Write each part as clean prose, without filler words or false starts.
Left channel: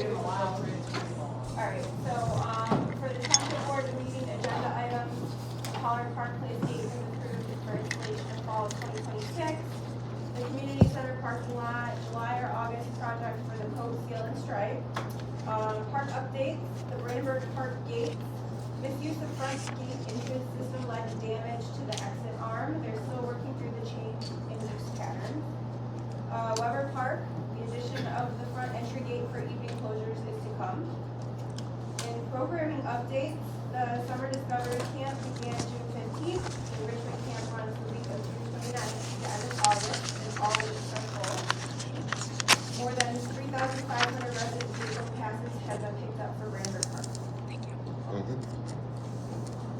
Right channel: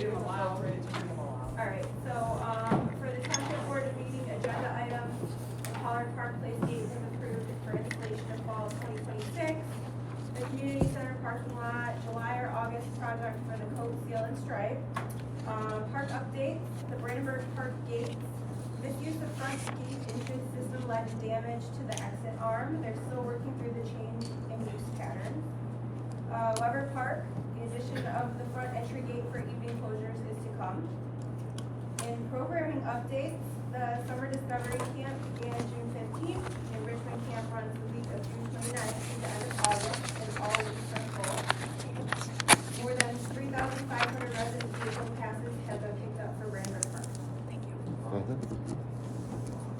give them a while. Alright, so, for the township board meeting agenda items, Pollard Park Place gate has approved for installation in fall of 2026. The community center parking lot, July or August project for the coat seal and stripe. Park updates, the Brandenburg Park gate, misuse of front gate entrance system led to damage to the exit arm. They're still working through the change in use pattern. Weber Park, the addition of the front entry gate for evening closures is to come. In programming updates, the Summer Discovery Camp began June 15th, and Richmond Camp runs the week of June 29th to the end of August, and all weeks are full. More than 3,500 resident vehicle passes have been picked up for Brandenburg Park.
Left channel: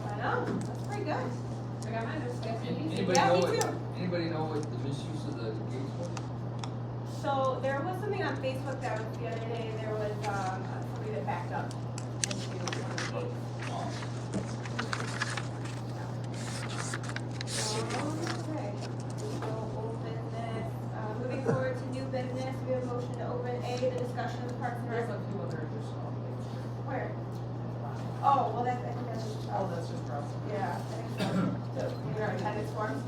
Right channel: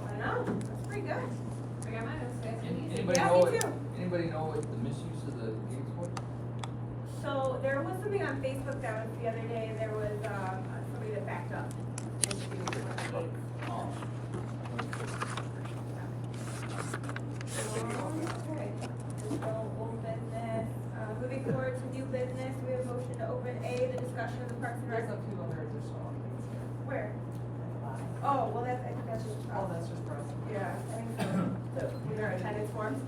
I know, that's pretty good. I got mine, it was nice and easy. Anybody Yeah, know me what, too. anybody know what the misuse of the gates was? So there was something on Facebook that was the other day, there was, somebody that backed up into one of the gates. Okay, so old business, moving forward to new business, we have a motion to open A, the discussion of the Parks and Rec. There's a few other additional things. Where? Oh, well, that's, I think that's just, Oh, that's just for us. yeah, I think so. These are appendix forms.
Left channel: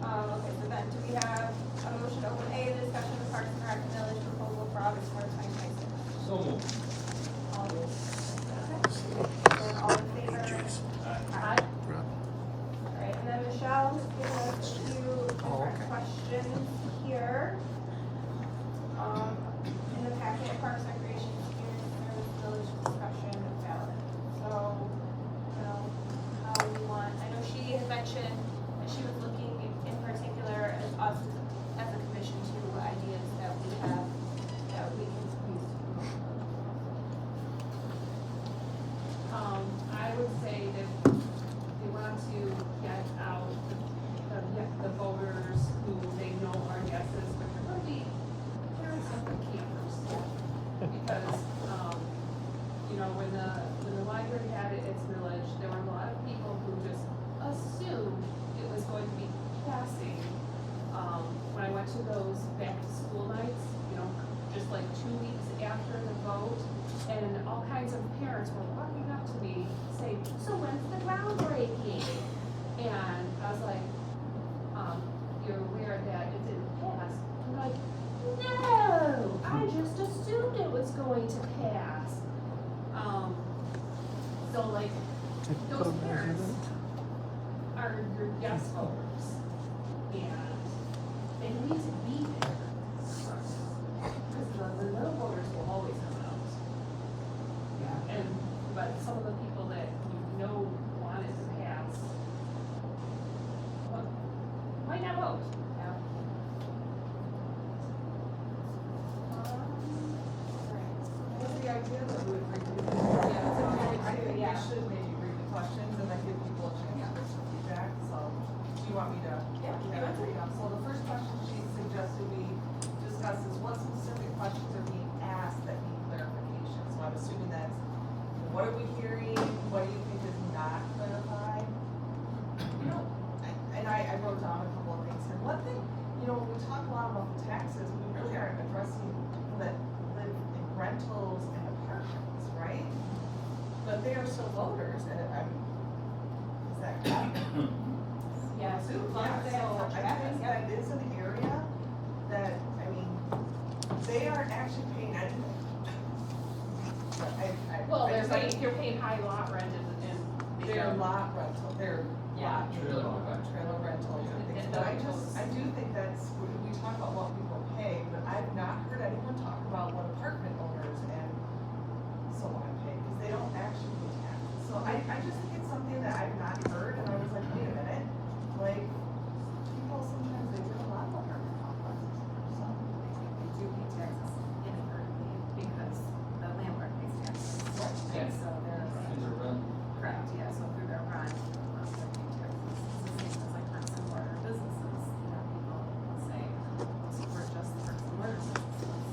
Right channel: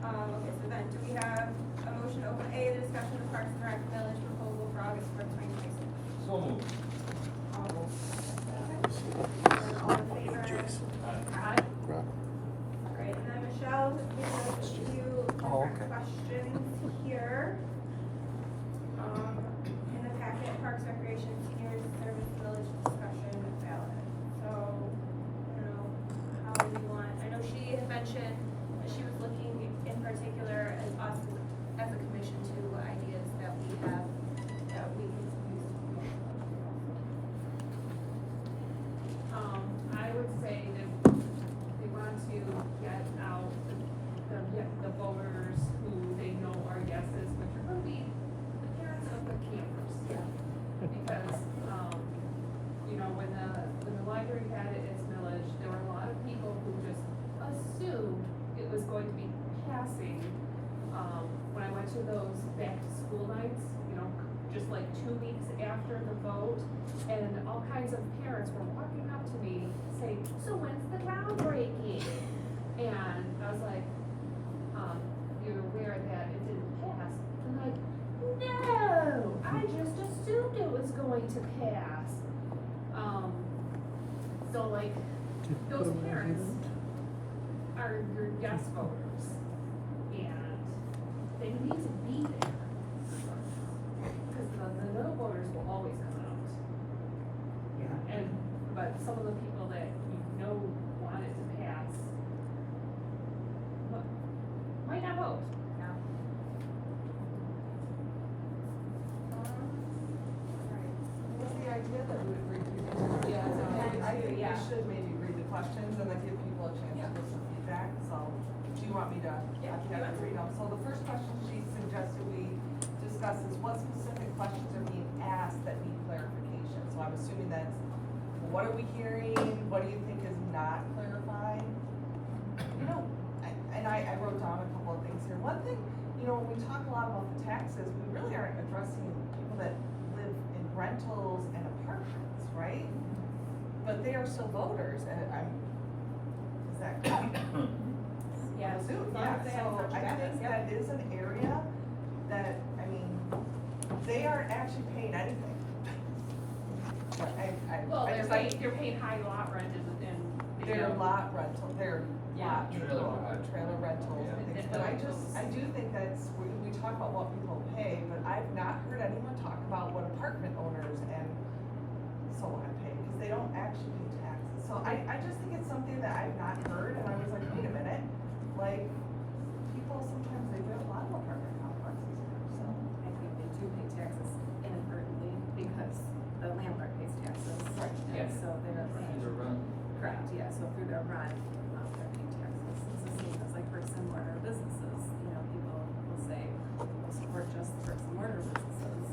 Okay, so then, do we have a motion to open A, the discussion of the Parks and Rec village proposal for August 4th, 2026? So moved. All those. And all in favor? Aye. Alright, and then Michelle has given us a few different questions here. In the packet, Parks Recreation Community Service Village discussion with ballot. So, I don't know how we want, I know she had mentioned that she was looking in particular as us as a commission to what ideas that we have that we can use to promote I would say that we want to get out the voters who they know are yeses, which are going to be the parents of the campers. Because, you know, when the library had its millage, there were a lot of people who just assumed it was going to be passing. When I went to those back to school nights, you know, just like 2 weeks after the vote, and all kinds of parents were walking up to me saying, so when's the groundbreaking? And I was like, you're aware that it didn't pass? I'm like, no, I just assumed it was going to pass. So like, those parents are your yes voters, and they need to be there. Because the little voters will always come out. Yeah. But some of the people that you know want it to pass, well, might not vote. What's the idea that we would review? Yeah, it's okay. I think we Yeah. should maybe read the questions and then give people a chance to give some feedback, so, do you want me to? Yeah. So the first question she suggested we discuss is what specific questions are being asked that need clarification? So I'm assuming that's, what are we hearing, what do you think is not clarified? You know, and I wrote down a couple of things here. One thing, you know, when we talk a lot about the taxes, we really aren't addressing people that live in rentals and apartments, right? But they are still voters, and is that correct? Yeah, So, as long as they have such I benefits, think yeah. that is an area that, I mean, they aren't actually paying anything. Well, they're paying high lot rent and. Their lot rental, their Yeah. lot, trailer rentals and things, but I do think that's, we talk about what people pay, but I've not heard anyone talk about what apartment owners and so on pay, because they don't actually pay taxes. So I just think it's something that I've not heard, and I was like, wait a minute, like, people sometimes, they do a lot of apartment complexes, so. I think they do pay taxes inadvertently because the landlord pays taxes. Right. And so they're These paying, are run. correct, yeah, so through their rent, they're paying taxes. It's the same as like bricks and mortar businesses, you know, people will say, we'll support just the bricks and mortar businesses.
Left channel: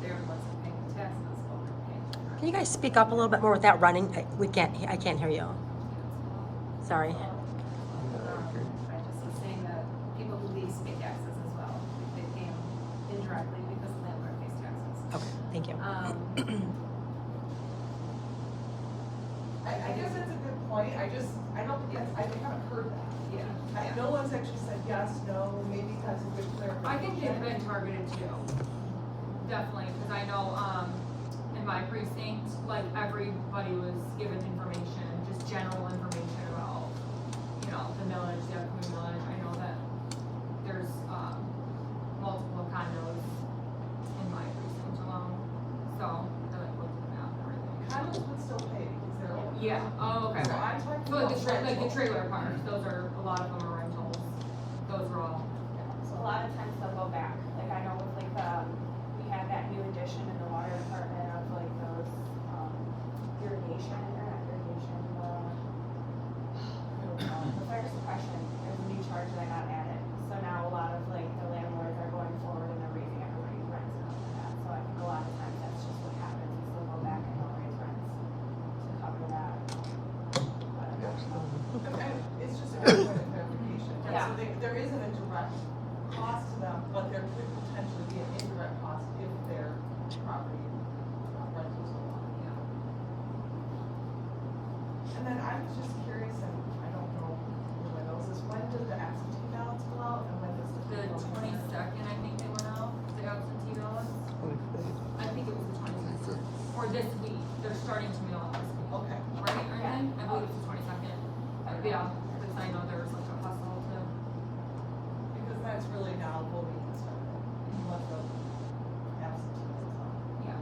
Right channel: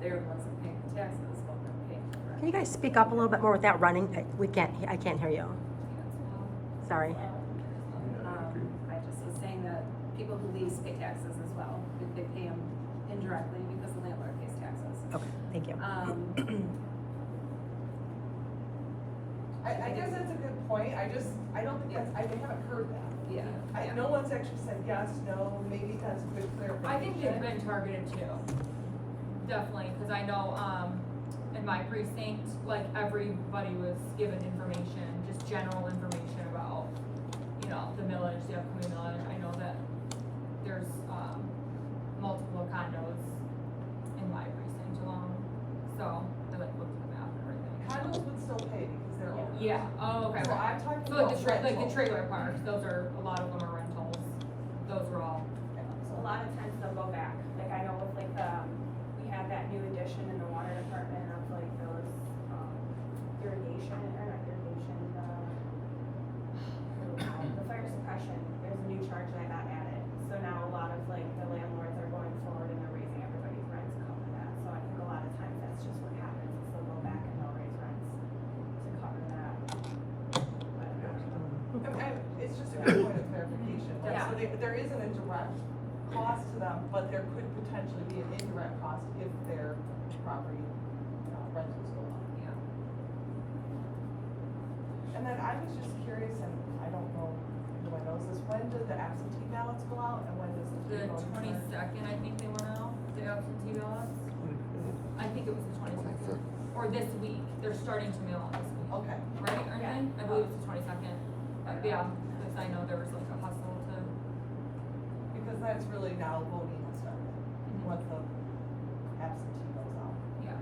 They're the ones that pay the taxes, but we're paying the rent. Can you guys speak up a little bit more with that running? I can't hear you. Sorry. I just was saying that people who lease pay taxes as well. They pay them indirectly because the landlord Okay, thank you. I guess that's a good point, I don't think that's, I think I've heard that. Yeah. No one's actually said yes, no, maybe that's a good clarification. I think they've been targeted too. Definitely, cause I know, in my precinct, like, everybody was given information, just general information about, you know, the millage, the upcoming millage. I know that there's, multiple condos in my precinct alone, so I like looked at the map and everything. Condos would still pay because they're older. Yeah, oh, okay, So okay. I'm talking So like about like the rental. trailer parks, those are, a lot of them are rentals, those are all, So a lot of times they'll go back, like I know with like, we had that new addition in the water department of like those, irrigation, or not irrigation, the fire suppression, there's a new charge that got added. So now a lot of like the landlords are going forward and they're raising everybody's rent to cover that. So I think a lot of times that's just what happens, is they'll go back and they'll raise rents to cover that. But, It's just a good point of clarification. Yeah. So there isn't a direct cost to them, but there could potentially be an indirect cost if their property rentals go on. yeah. And then I was just curious, and I don't know who knows this, when did the absentee ballots go out and when does the? The voting start? 22nd, I think they went out, the absentee ballots. I think it was the 22nd, or this week, they're starting to mail out this week, Okay. right, Ernie? I believe it's the 22nd. Yeah, because I know there was like a hustle to, Because then it's really now voting instead, what the absentee goes out. yeah.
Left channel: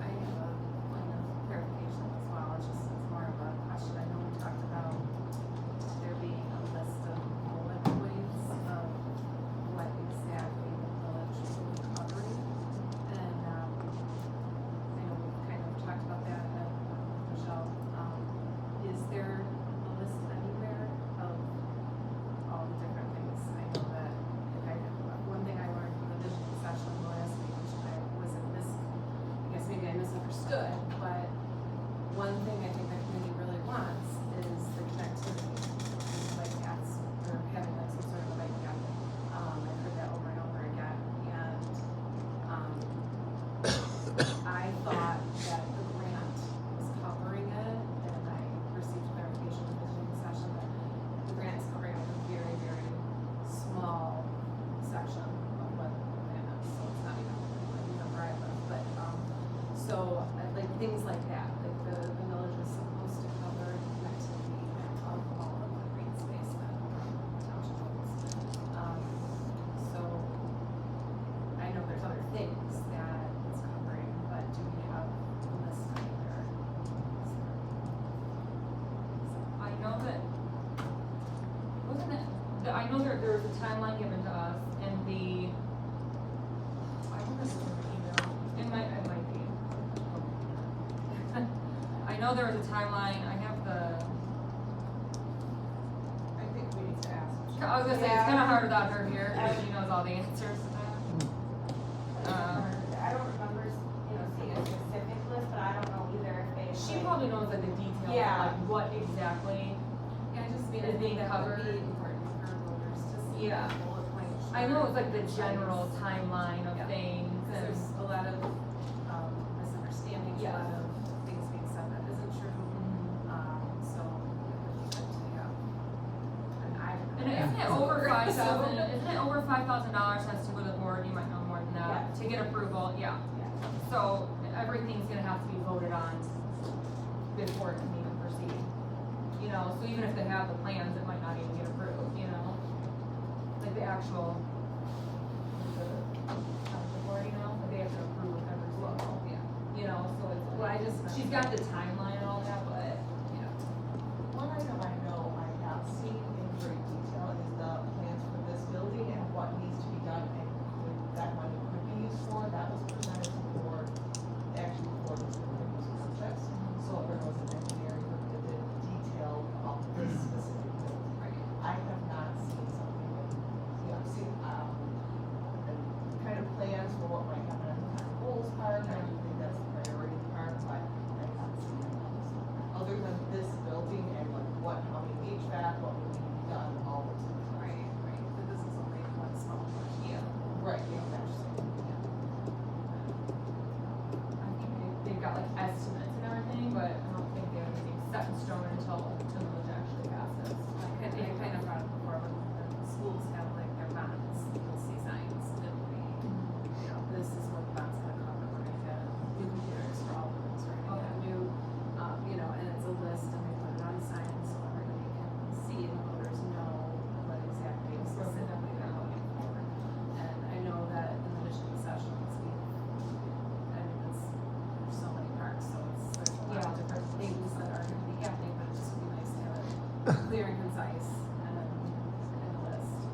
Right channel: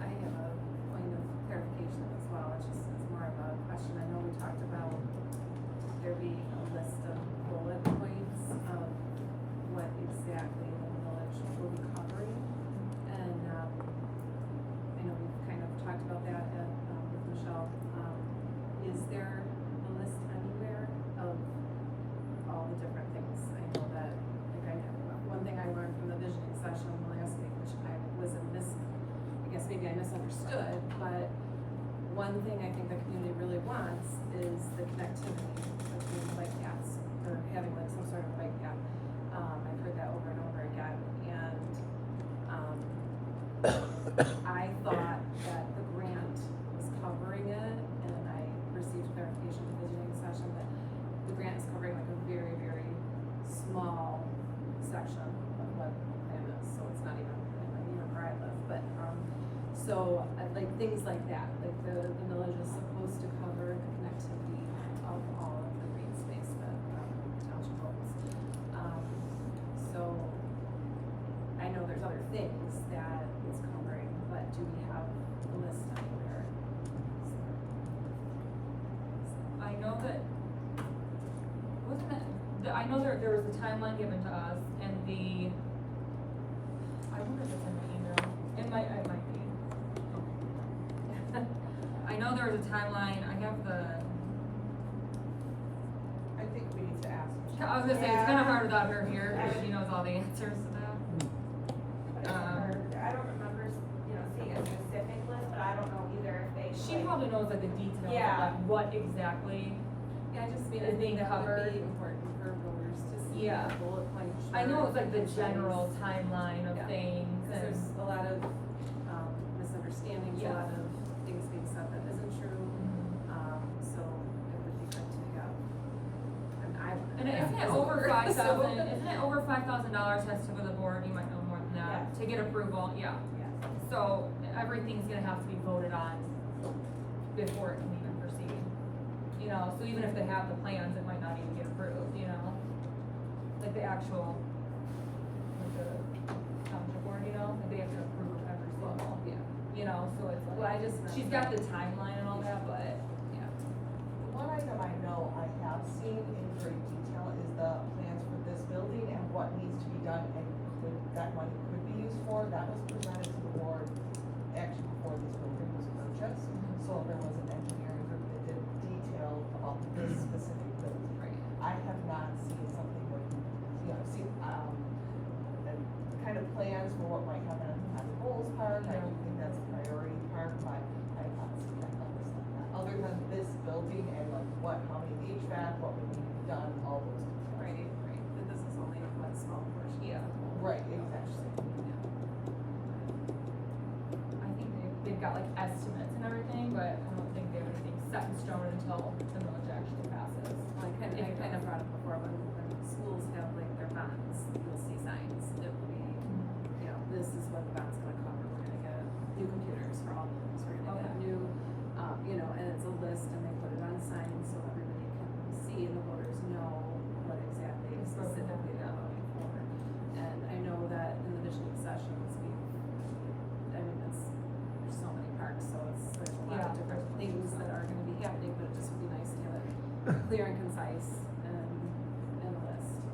I have a point of clarification as well, it's more of a question, I know we talked about there being a list of bullet points of what exactly the village will be covering. And, I know we've kind of talked about that at, with Michelle, is there a list anywhere of all the different things? I know that, one thing I learned from the visioning session last week, which I maybe I misunderstood, but one thing I think the community really wants is the connectivity between bike paths, or having like some sort of a bike path. I've heard that over and over again, and, I thought that the grant was covering it, and I received clarification in the visiting session, but the grant is covering like a very, very small section of what the plan is, so it's not even like near where I live, but, so, like, things like that, like the village is supposed to cover connectivity of all of the green space that, township holds. So, I know there's other things that it's covering, but do we have a list anywhere? I know that, wasn't it, I know there was a timeline given to us, and I wonder if it's in the email, it might be. I know there was a timeline, I have the, I think we need to ask. I was gonna say, it's kinda hard without her here, because she knows all the answers to that. I don't remember, seeing a specific list, but I don't know either if they. She like- probably knows like the details of Yeah. like what exactly. Yeah, I just mean, Is I being think that would covered. be important for voters to see Yeah. the bullet point. I know it's like the short, general concise. timeline of Yeah. things Cause and, there's a lot of, misunderstandings, a Yeah. lot of things being said that isn't true, so it would be good to have. and isn't it over $5,000 has to go to the board, you might know more than that, to get approval, yeah. Yeah. So everything's gonna have to be voted on before it can even proceed. So even if they have the plans, it might not even get approved, like the actual, the township board, like they have to approve of every single, so it's Well, I like, just meant she's got the timeline and all that, but, yeah. One item I know I have seen in great detail is the plans for this building and what needs to be done and that money could be used for. That was presented to the board actually before this building was purchased. So there was an engineering group that did detail of this specific building. I have not seen something like, the kind of plans for what might happen on the Bowles Park. I don't think that's the priority part, but I have not seen it. they've got like estimates and everything, but I don't think they have anything set in stone until the millage actually passes. I kind of brought it before, when schools have like their bonds, you'll see signs that will be, you know, this is what the bond's gonna cover, we're gonna get new computers for all buildings, we're gonna get new, you know, and it's a list, and they put it on signs so everybody can see and the voters know what exactly specifically they're voting for. And I know that in the visioning sessions, I mean, there's so many parks, so there's a lot of Yeah. different things that are gonna be happening, but it just would be nice to have it clear and concise and in a list.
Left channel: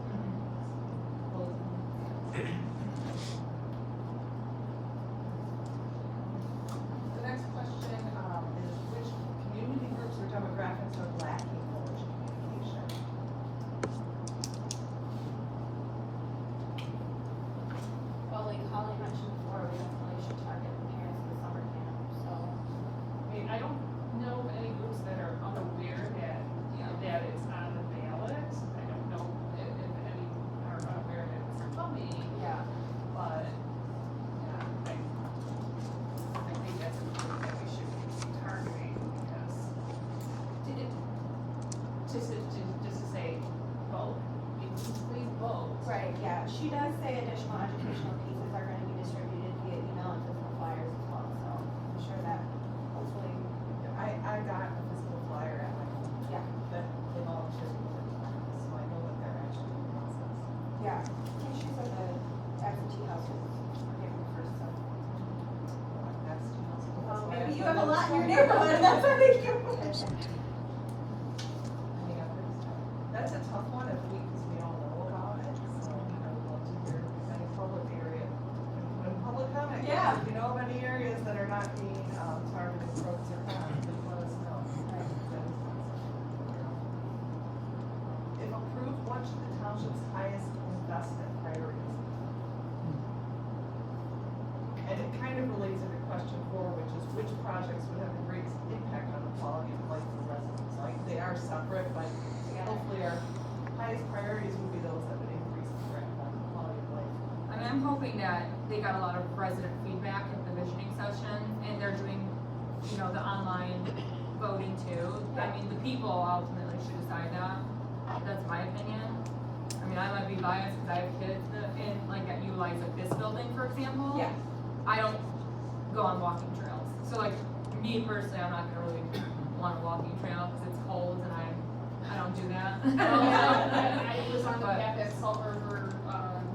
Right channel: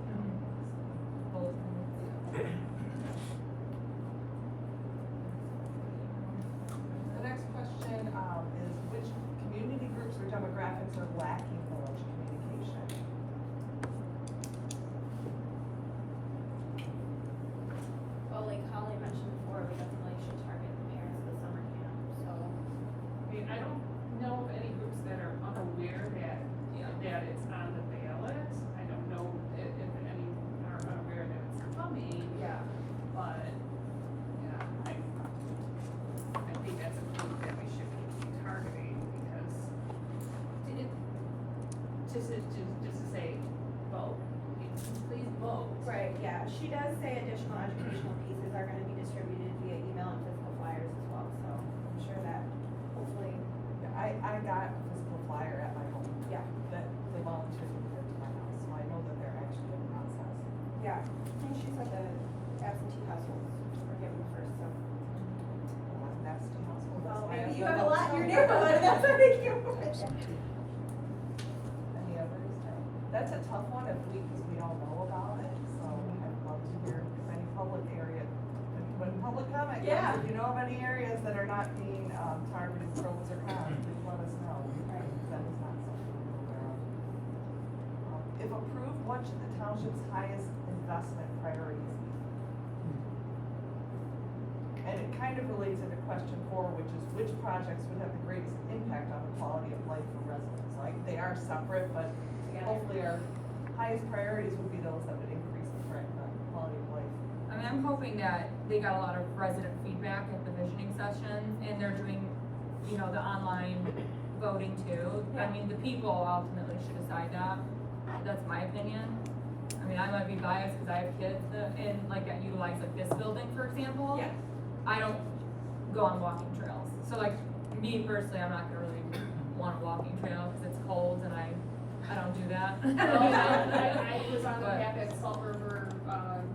The next question, is which community groups or demographics are lacking village communication? Well, like Holly mentioned before, we definitely should target the parents of the summer camp, so. I mean, I don't know of any groups that are unaware that, that it's on the ballot. I don't know if any are unaware that it's coming, Yeah. but, yeah, I think that's a group that we should be targeting because just to say, vote, please vote. Right, yeah, she does say additional educational pieces are gonna be distributed via email and physical flyers as well, so I'm sure that hopefully, I got a physical flyer at my home. Yeah. That they volunteered me for tomorrow, so I know that they're actually in process. yeah. And she said the absentee houses were given first, so. That's two months. Well, maybe you have a lot in your neighborhood, that's what I think you. Any others? That's a tough one if because we all know about it, so I would love to hear if any public area, when public comment, Yeah. if you know of any areas that are not being, targeted pros or cons, please let us know. That is not something we're aware of. If approved, what should the township's highest investment priorities be? And it kind of relates to the question 4, which projects would have the greatest impact on the quality of life for residents? Like, they are separate, but hopefully our highest priorities would be those that would increase the quality of life. I mean, I'm hoping that they got a lot of resident feedback at the visioning session, and they're doing, you know, the online voting too. I mean, the people ultimately should decide that, that's my opinion. I mean, I might be biased because I have kids that, that utilize like this building, for example. Yeah. I don't go on walking trails, so like, me personally, I'm not gonna really want a walking trail because it's cold and I don't do that. I was on the But- path at Salt River,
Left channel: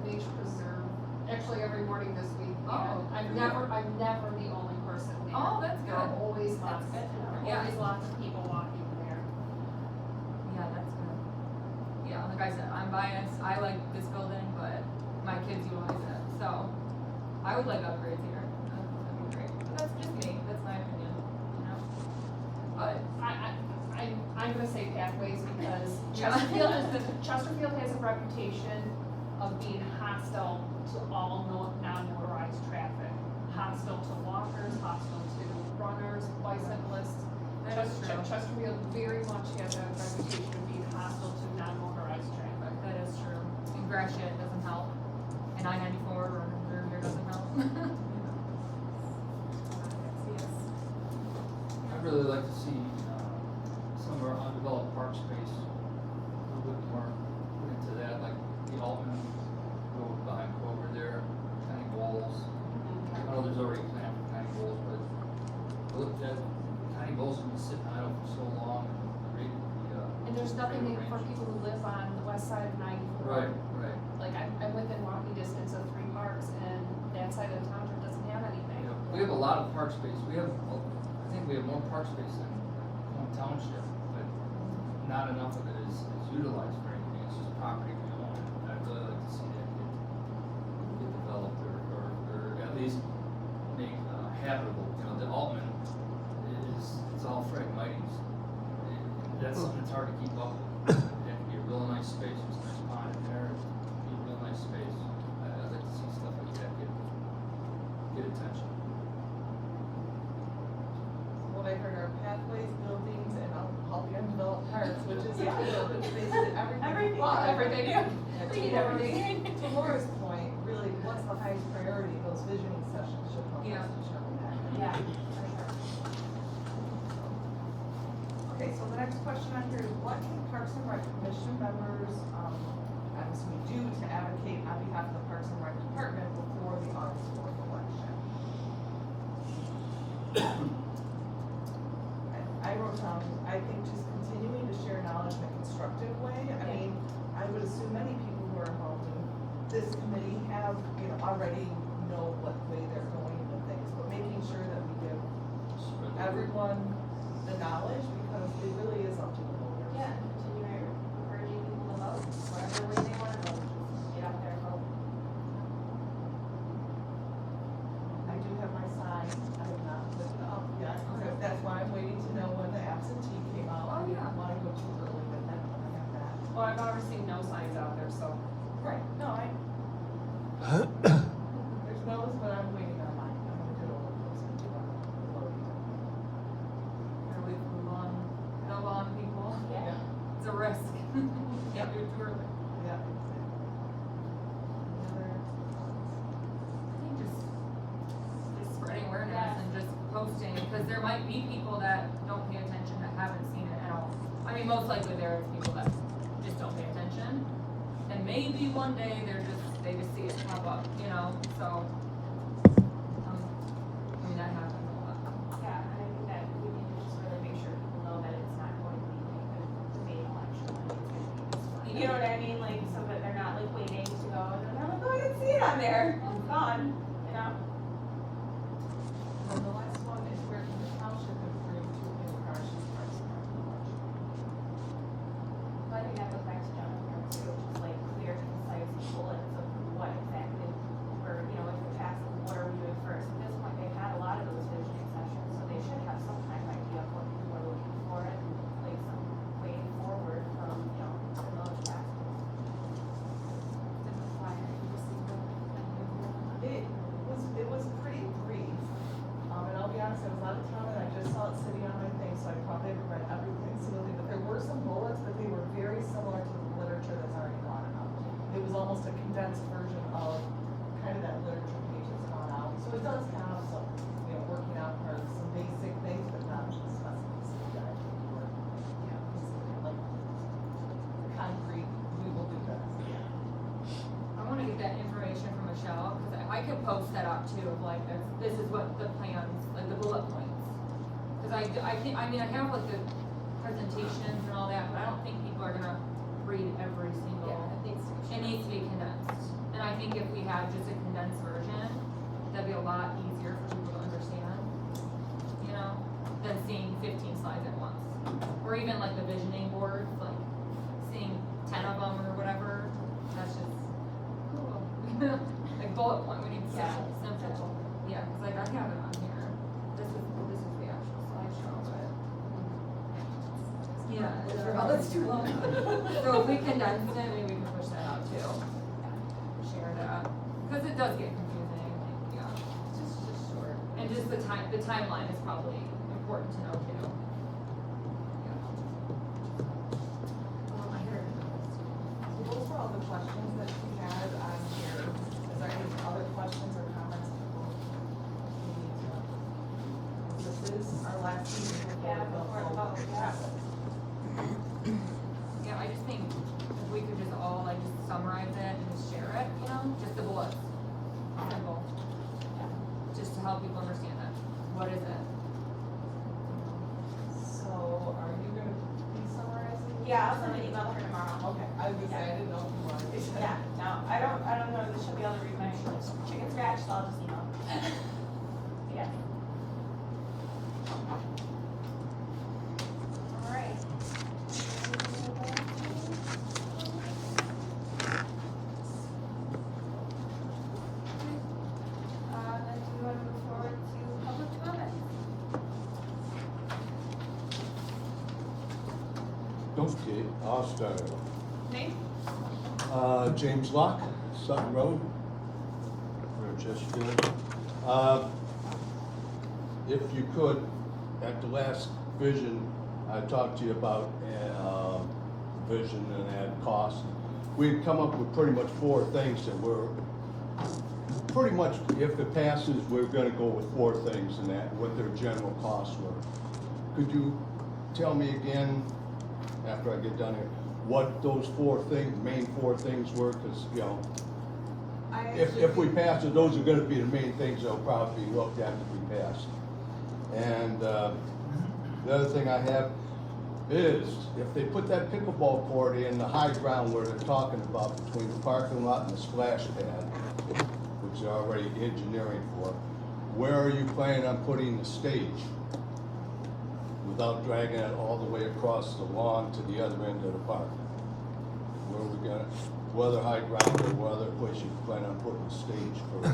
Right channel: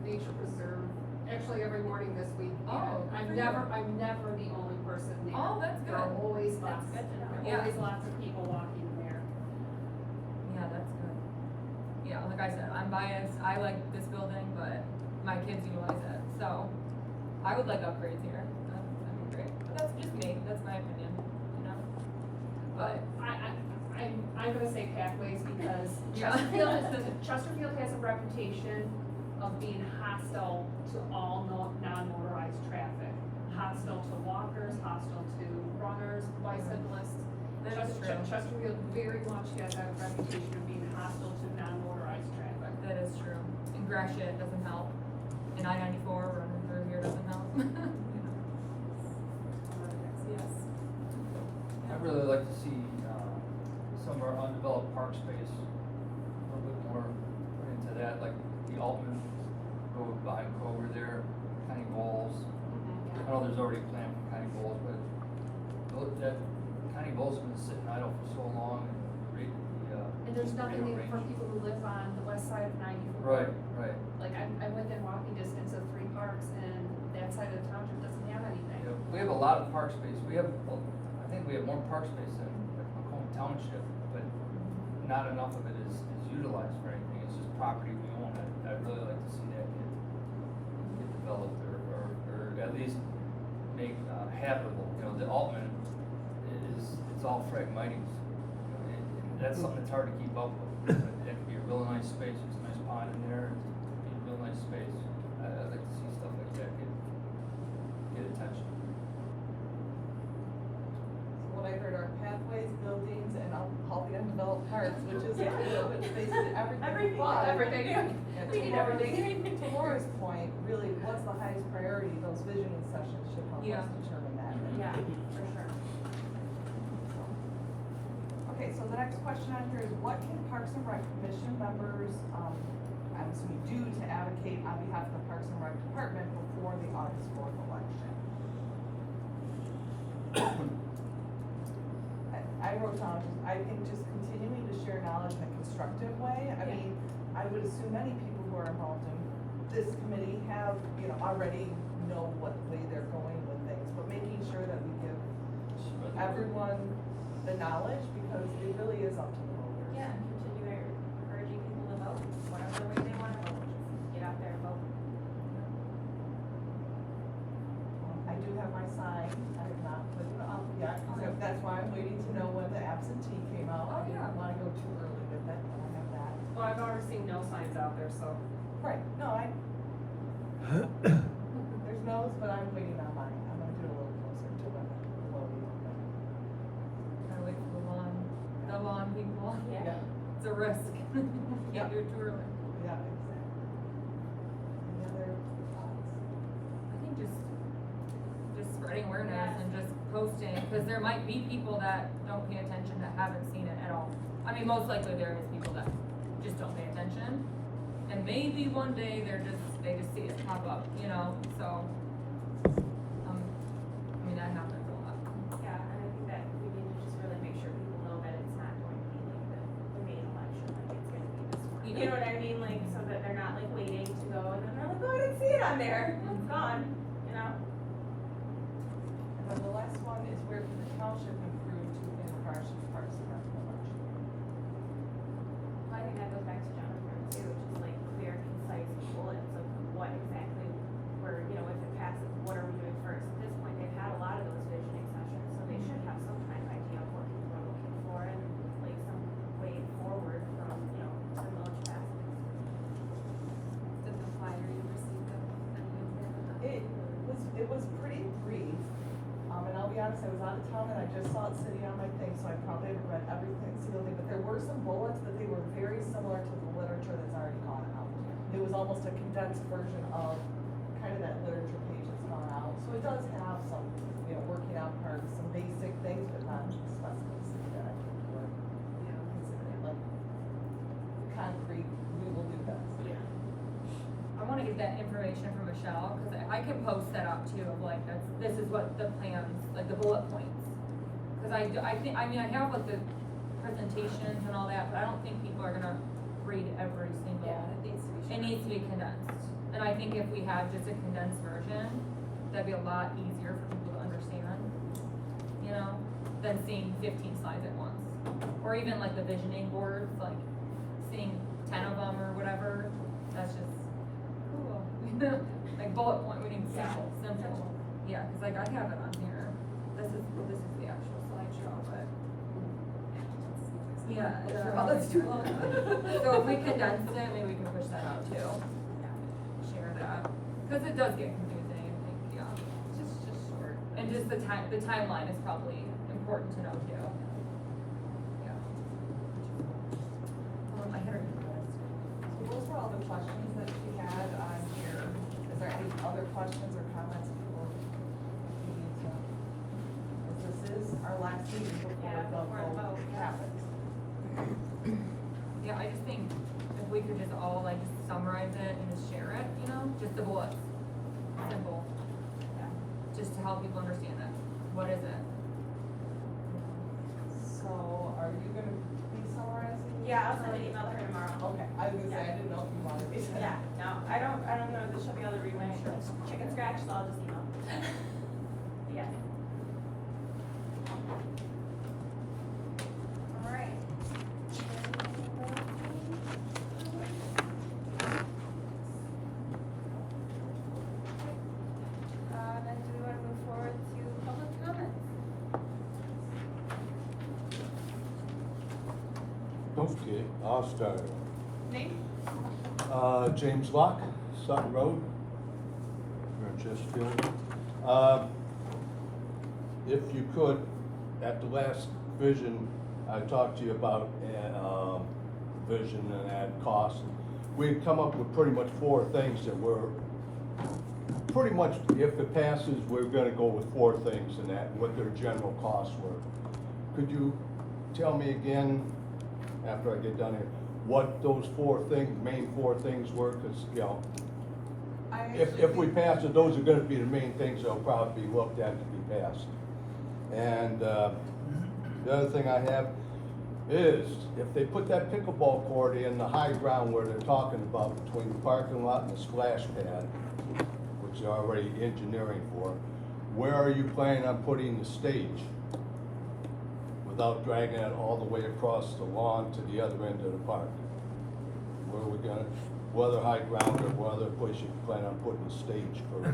Nature Preserve, actually every morning this week. Oh, and good for you. I'm never the only person there. Oh, that's There are good. always lots, That's good to know. there are always lots of people walking there. Yeah, that's good. Yeah, like I said, I'm biased, I like this building, but my kids utilize it, so I would like upgrades here, that'd be great. But that's just me, that's my opinion, you know? But, I'm gonna say pathways because Yeah. Chesterfield has a reputation of being hostile to all non-motorized traffic. Hostile to walkers, hostile to runners, bicyclists. that is true, Chesterfield very much has a reputation of being hostile to non-motorized traffic. that is true. And Gratiot doesn't help, and I-94 or through here doesn't help, you know? Yes. I'd really like to see, some of our undeveloped park space, a little bit more put into that, like the Altman Road behind over there, tiny bowls. I know there's already a plan for tiny bowls, but that tiny bowls have been sitting idle for so long, And there's nothing radio for range. people who live on the west side of 94. Right, right. Like, I'm within walking distance of 3 parks, and that side of the township doesn't have anything. You know, we have a lot of park space, I think we have more park space than Macomb Township, but not enough of it is utilized for anything, it's just property we own, and I'd really like to see that get developed, or at least make habitable, you know, the Altman it's all fragmites. That's something that's hard to keep up with, that could be a real nice space, there's a nice pond in there, it'd be a real nice space, I'd like to see stuff like that get attention. What I heard are pathways, buildings, and all the undeveloped parts, which is, basically everything. Everything. Everything. Yeah, We need to Laura's- everything. To Laura's point, really, what's the highest priority, those visioning sessions should help Yeah. us determine that. Yeah, for question on here is what can Parks and Rec Commission members, I'm assuming do to advocate on behalf of the Parks and Rec Department before the August 4th election? I wrote down, I think just continuing to share knowledge in a constructive way. I mean, I would assume many people who are involved in this committee have, already know what way they're going with things, but making sure that we give everyone the knowledge, because it really is up to the voters. Yeah, and continue encouraging people to vote, whatever way they wanna vote, just get out there and vote. I do have my sign, I have not put it up yet, so that's why I'm waiting to know when the absentee came out. Oh, I yeah. didn't wanna go too early with that, but I have that. Well, I've never seen no signs out there, so. Right, no, there's no's, but I'm waiting on mine, I'm gonna get a little closer to the voting. Gotta wait for the lawn people. Yeah. It's a risk. Can't do it too early. Yeah, exactly. Any other thoughts? I think just spreading awareness and just posting, because there might be people that don't pay attention, that haven't seen it at all. I mean, most likely there is people that just don't pay attention, and maybe one day they just see it pop up, so. I mean, that happens a lot. Yeah, and I think that we need to just really make sure people know that it's not going to be like the main election, like it's gonna be this one. You know what I mean, like, so that they're not like waiting to go, and then they're like, oh, I didn't see it on there, it's gone, And the last one is where can the township improve to encourage Parks and Rec election? Well, I think that goes back to John here too, which is like clear, concise bullets of what exactly we're, if it passes, what are we doing first? At this point, they've had a lot of those visioning sessions, so they should have some kind of idea of what people are looking for and like some way forward from, the village passes. Did the flyer you received of It was pretty brief, and I'll be honest, I was out of town and I just saw it sitting on my thing, so I probably haven't read every single thing, but there were some bullets, but they were very similar to the literature that's already gone out. It was almost a condensed version of kind of that literature page that's gone out, so it does have some, working out parts, some basic things, but not the specificity that I think we're, considering, like, concrete, we will do this, I wanna get that information from Michelle, cause I can post that up too, of like, this is what the plans, like the bullet points. Cause I think, I have like the presentations and all that, but I don't think people are gonna read every single. It needs to be condensed, and I think if we had just a condensed version, that'd be a lot easier for people to understand, than seeing 15 slides at once. Or even like the visioning boards, like seeing 10 of them or whatever, that's just cool. Like bullet point, we need simple. Yeah, cause like I have it on here, this is the actual slideshow, but. Yeah, it's too long. So if we condensed it, maybe we can push that out too. Share that, cause it does get confusing, I think, yeah. Just short. And just the timeline is probably important to know too. Yeah. I hit her with the list. So those were all the questions that she had on here. Is there any other questions or comments people need to know? This is our last meeting before Yeah, the before the vote vote, yeah. happens. Yeah, I just think if we could just all like just summarize it and just share it, just the bullets. Simple. Yeah. Just to help people understand it. What is it? So are you gonna be summarizing? Yeah, I'll send an email to her tomorrow. Okay, I was gonna say, I didn't know if you wanted to. Yeah, no, I don't know if she'll be able to read my chicken scratch, so I'll just email. Yeah. Alright. Then do we want to move forward to public comments? Okay, I'll start. Name? James Locke, Sutton Road, or Chesterfield. If you could, at the last vision, I talked to you about, vision and ad costs. We've come up with pretty much 4 things that we're, pretty much, if it passes, we're gonna go with 4 things and that, what their general costs were. Could you tell me again after I get done here, what those main four things were, cause, you know, I if actually we think- pass it, those are gonna be the main things that'll probably be looked at if we pass. And, the other thing I have is, if they put that pickleball court in the high ground where they're talking about between the parking lot and the splash pad, which they're already engineering for, where are you planning on putting the stage? Without dragging it all the way across the lawn to the other end of the park? Where are we gonna, whether high ground or what other place you plan on putting the stage for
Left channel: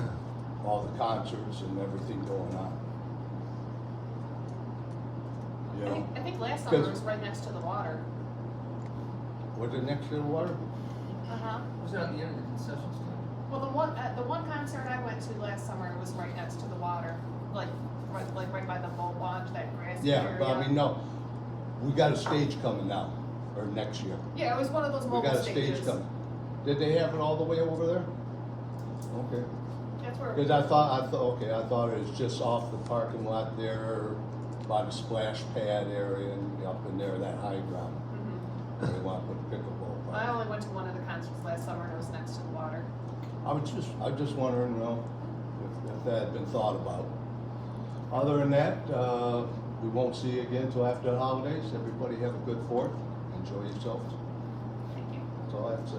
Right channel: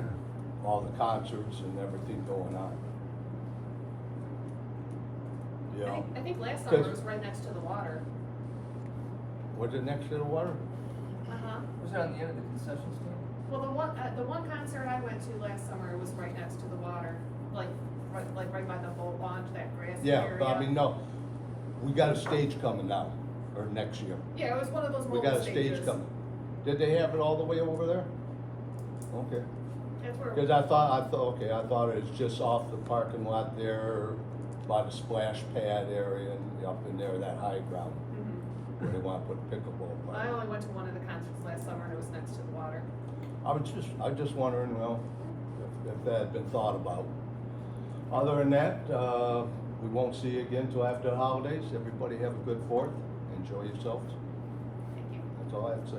all the concerts and everything going on? Yeah, I think last summer it Because- was right next to the water. was it next to the water? Uh-huh. Was it on the end of the concession stand? Well, the one concert I went to last summer was right next to the water, like right by the boat launch, that grassy Yeah, area. but I mean, no, we got a stage coming now, or next year. Yeah, it was one of those We mobile got a stage stages. coming. Did they have it all the way over there? Okay. That's where. Cause I thought it was just off the parking lot there, by the splash pad area and up in there, that high ground. Mhm. Where they wanna put pickleball. I only went to one of the concerts last summer and it was next to the water. I was just wondering, you know, if that had been thought about. Other than that, we won't see you again till after the holidays. Everybody have a good Fourth. Enjoy yourselves. Thank you. That's all I have to say.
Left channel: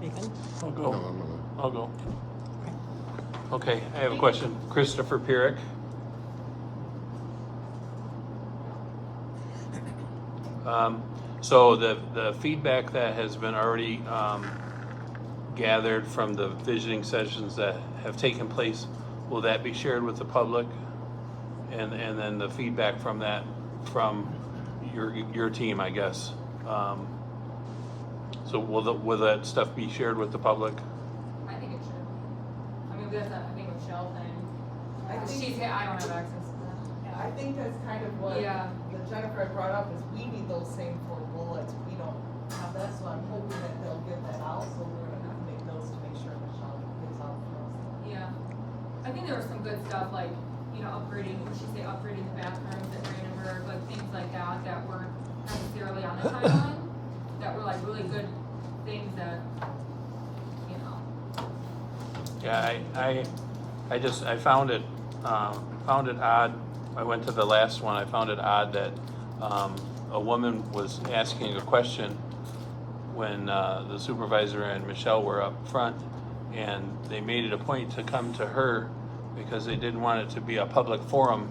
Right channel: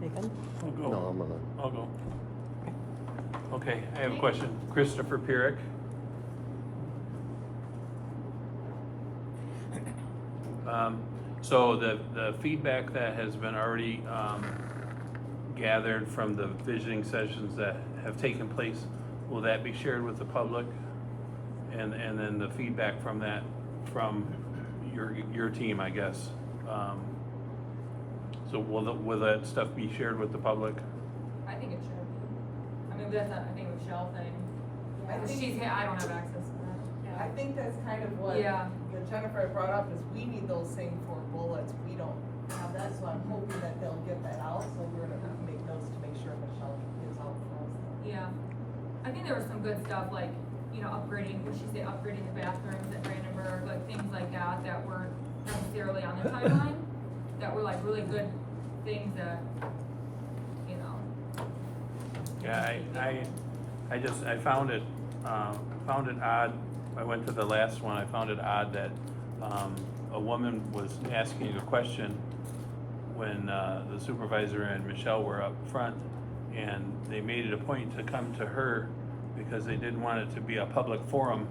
You good? No, I'm gonna. I'll go. Okay. Okay, I have a question. Christopher Pierrick. So the feedback that has been already gathered from the visiting sessions that have taken place, will that be shared with the public? And then the feedback from that, from your team, I guess. So will that stuff be shared with the public? I think it should be. I mean, that's a, I think Michelle thing. I Because think- I don't have access to that. I think that's kind of what Yeah. that Jennifer had brought up, is we need those same four bullets, we don't have that, so I'm hoping that they'll get that out, so we're gonna have to make notes to make sure Michelle gets out for us. Yeah, I think there was some good stuff, like, upgrading, would she say upgrading the bathrooms at Brandenburg, like things like that, that weren't necessarily on the timeline, that were like really good things that, Yeah, I found it odd. I went to the last one, I found it odd that, a woman was asking a question when, the supervisor and Michelle were up front, and they made it a point to come to her because they didn't want it to be a public forum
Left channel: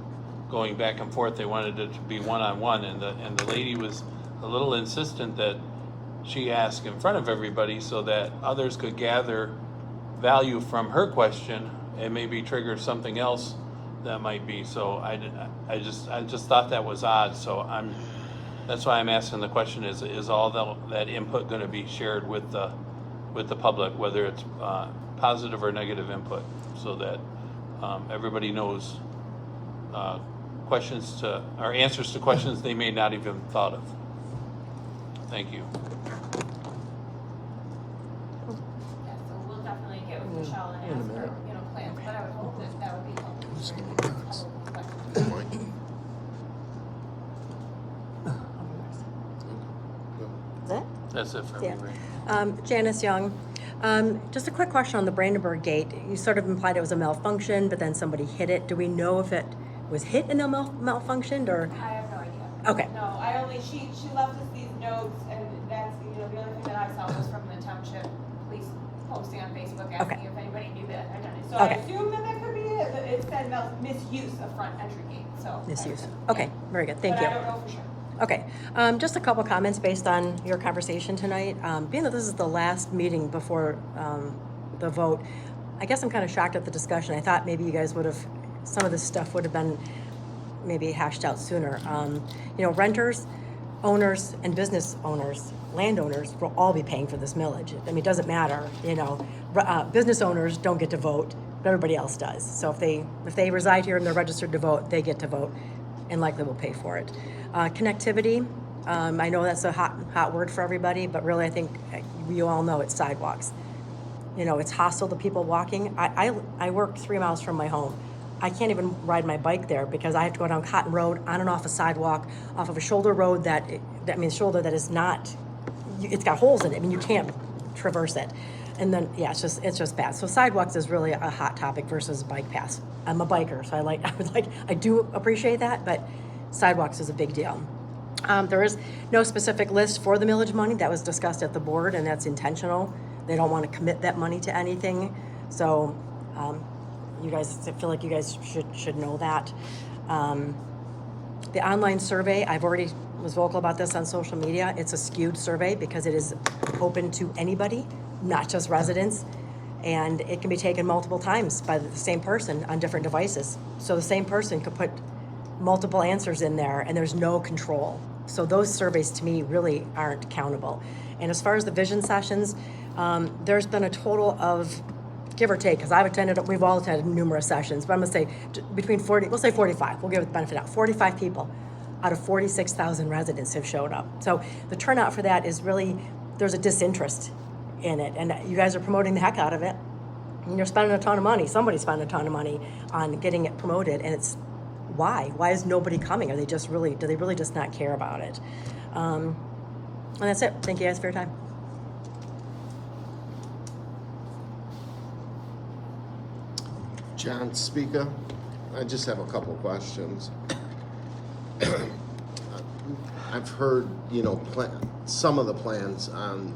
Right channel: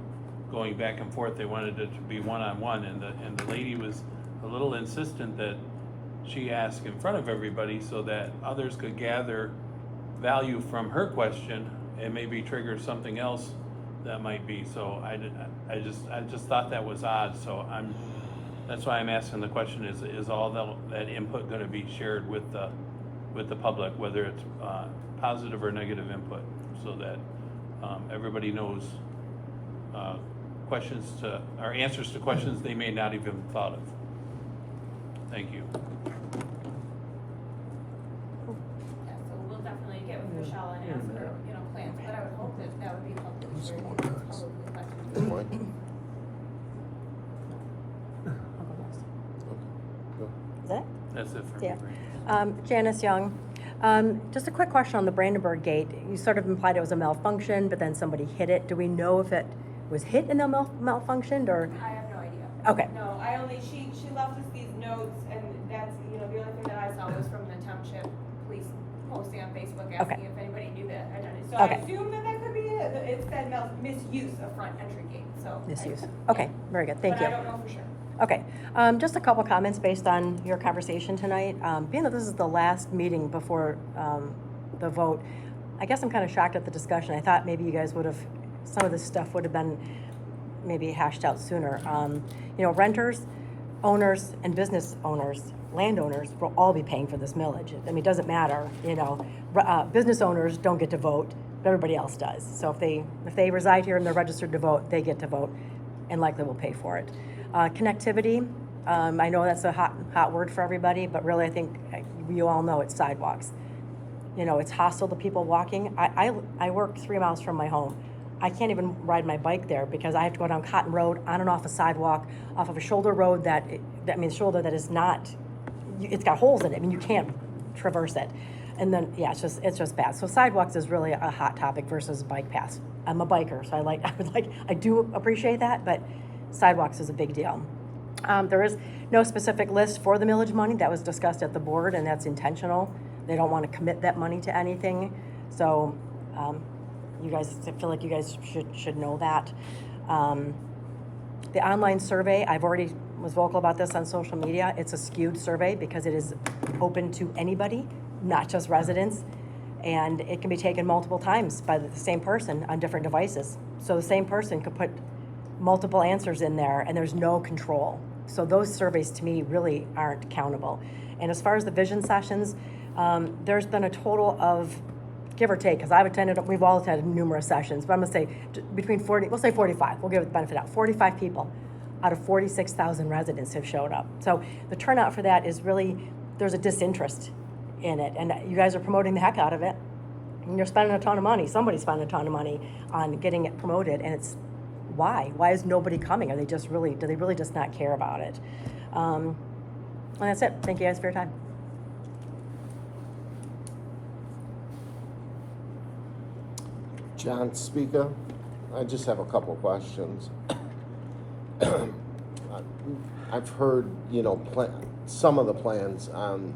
going back and forth. They wanted it to be one-on-one, and the lady was a little insistent that she ask in front of everybody so that others could gather value from her question and maybe trigger something else that might be. So I just thought that was odd. So that's why I'm asking the question: is all that input going to be shared with the public, whether it's positive or negative input, so that everybody knows answers to questions they may not even thought of. Thank you. Yeah, so we'll definitely get with Michelle and ask her, plans, but I would hope that would be helpful for public questions. Good point. Is that it? That's it for Yeah. me. Janice Young, just a quick question on the Brandenburg gate. You sort of implied it was a malfunction, but then somebody hit it. Do we know if it was hit and malfunctioned, or? I have no idea. Okay. No, she left us these notes, and that's, the only thing that I saw was from the township police posting on Facebook asking Okay. if anybody knew that identity. So Okay. I assume that could be it, but it said misuse of front entry gate, so. Misuse. Okay, very good, thank you. But I don't know for sure. Okay, just a couple comments based on your conversation tonight. Being that this is the last meeting before the vote, I guess I'm kind of shocked at the discussion. I thought maybe you guys would have, some of this stuff would have been maybe hashed out sooner. Renters, owners, and business owners, landowners will all be paying for this millage. I mean, it doesn't matter, business owners don't get to vote, but everybody else does. So if they reside here and they're registered to vote, they get to vote and likely will pay for it. Connectivity, I know that's a hot word for everybody, but really I think you all know it's sidewalks. It's hostile to people walking. I work 3 miles from my home. I can't even ride my bike there because I have to go down Cotton Road, on and off a sidewalk, off of a shoulder road shoulder that is not, it's got holes in it. I mean, you can't traverse it. And then, yeah, it's just bad. So sidewalks is really a hot topic versus bike paths. I'm a biker, so I do appreciate that, but sidewalks is a big deal. There is no specific list for the millage money. That was discussed at the board, and that's intentional. They don't want to commit that money to anything. So you guys, I feel like you guys should know that. The online survey, I've already was vocal about this on social media. It's a skewed survey because it is open to anybody, not just residents. And it can be taken multiple times by the same person on different devices. So the same person could put multiple answers in there and there's no control. So those surveys to me really aren't countable. And as far as the vision sessions, there's been a total of, give or take, because we've all attended numerous sessions, but I'm gonna say between 40, we'll say 45, we'll give it the benefit out. 45 people out of 46,000 residents have showed up. So the turnout for that is really, there's a disinterest in it, and you guys are promoting the heck out of it. And you're spending a ton of money, somebody's spending a ton of money on getting it promoted, and it's, why? Why is nobody coming? Do they really just not care about it? And that's it. Thank you guys for your time. John Speaker, I just have a couple questions. I've heard, some of the plans on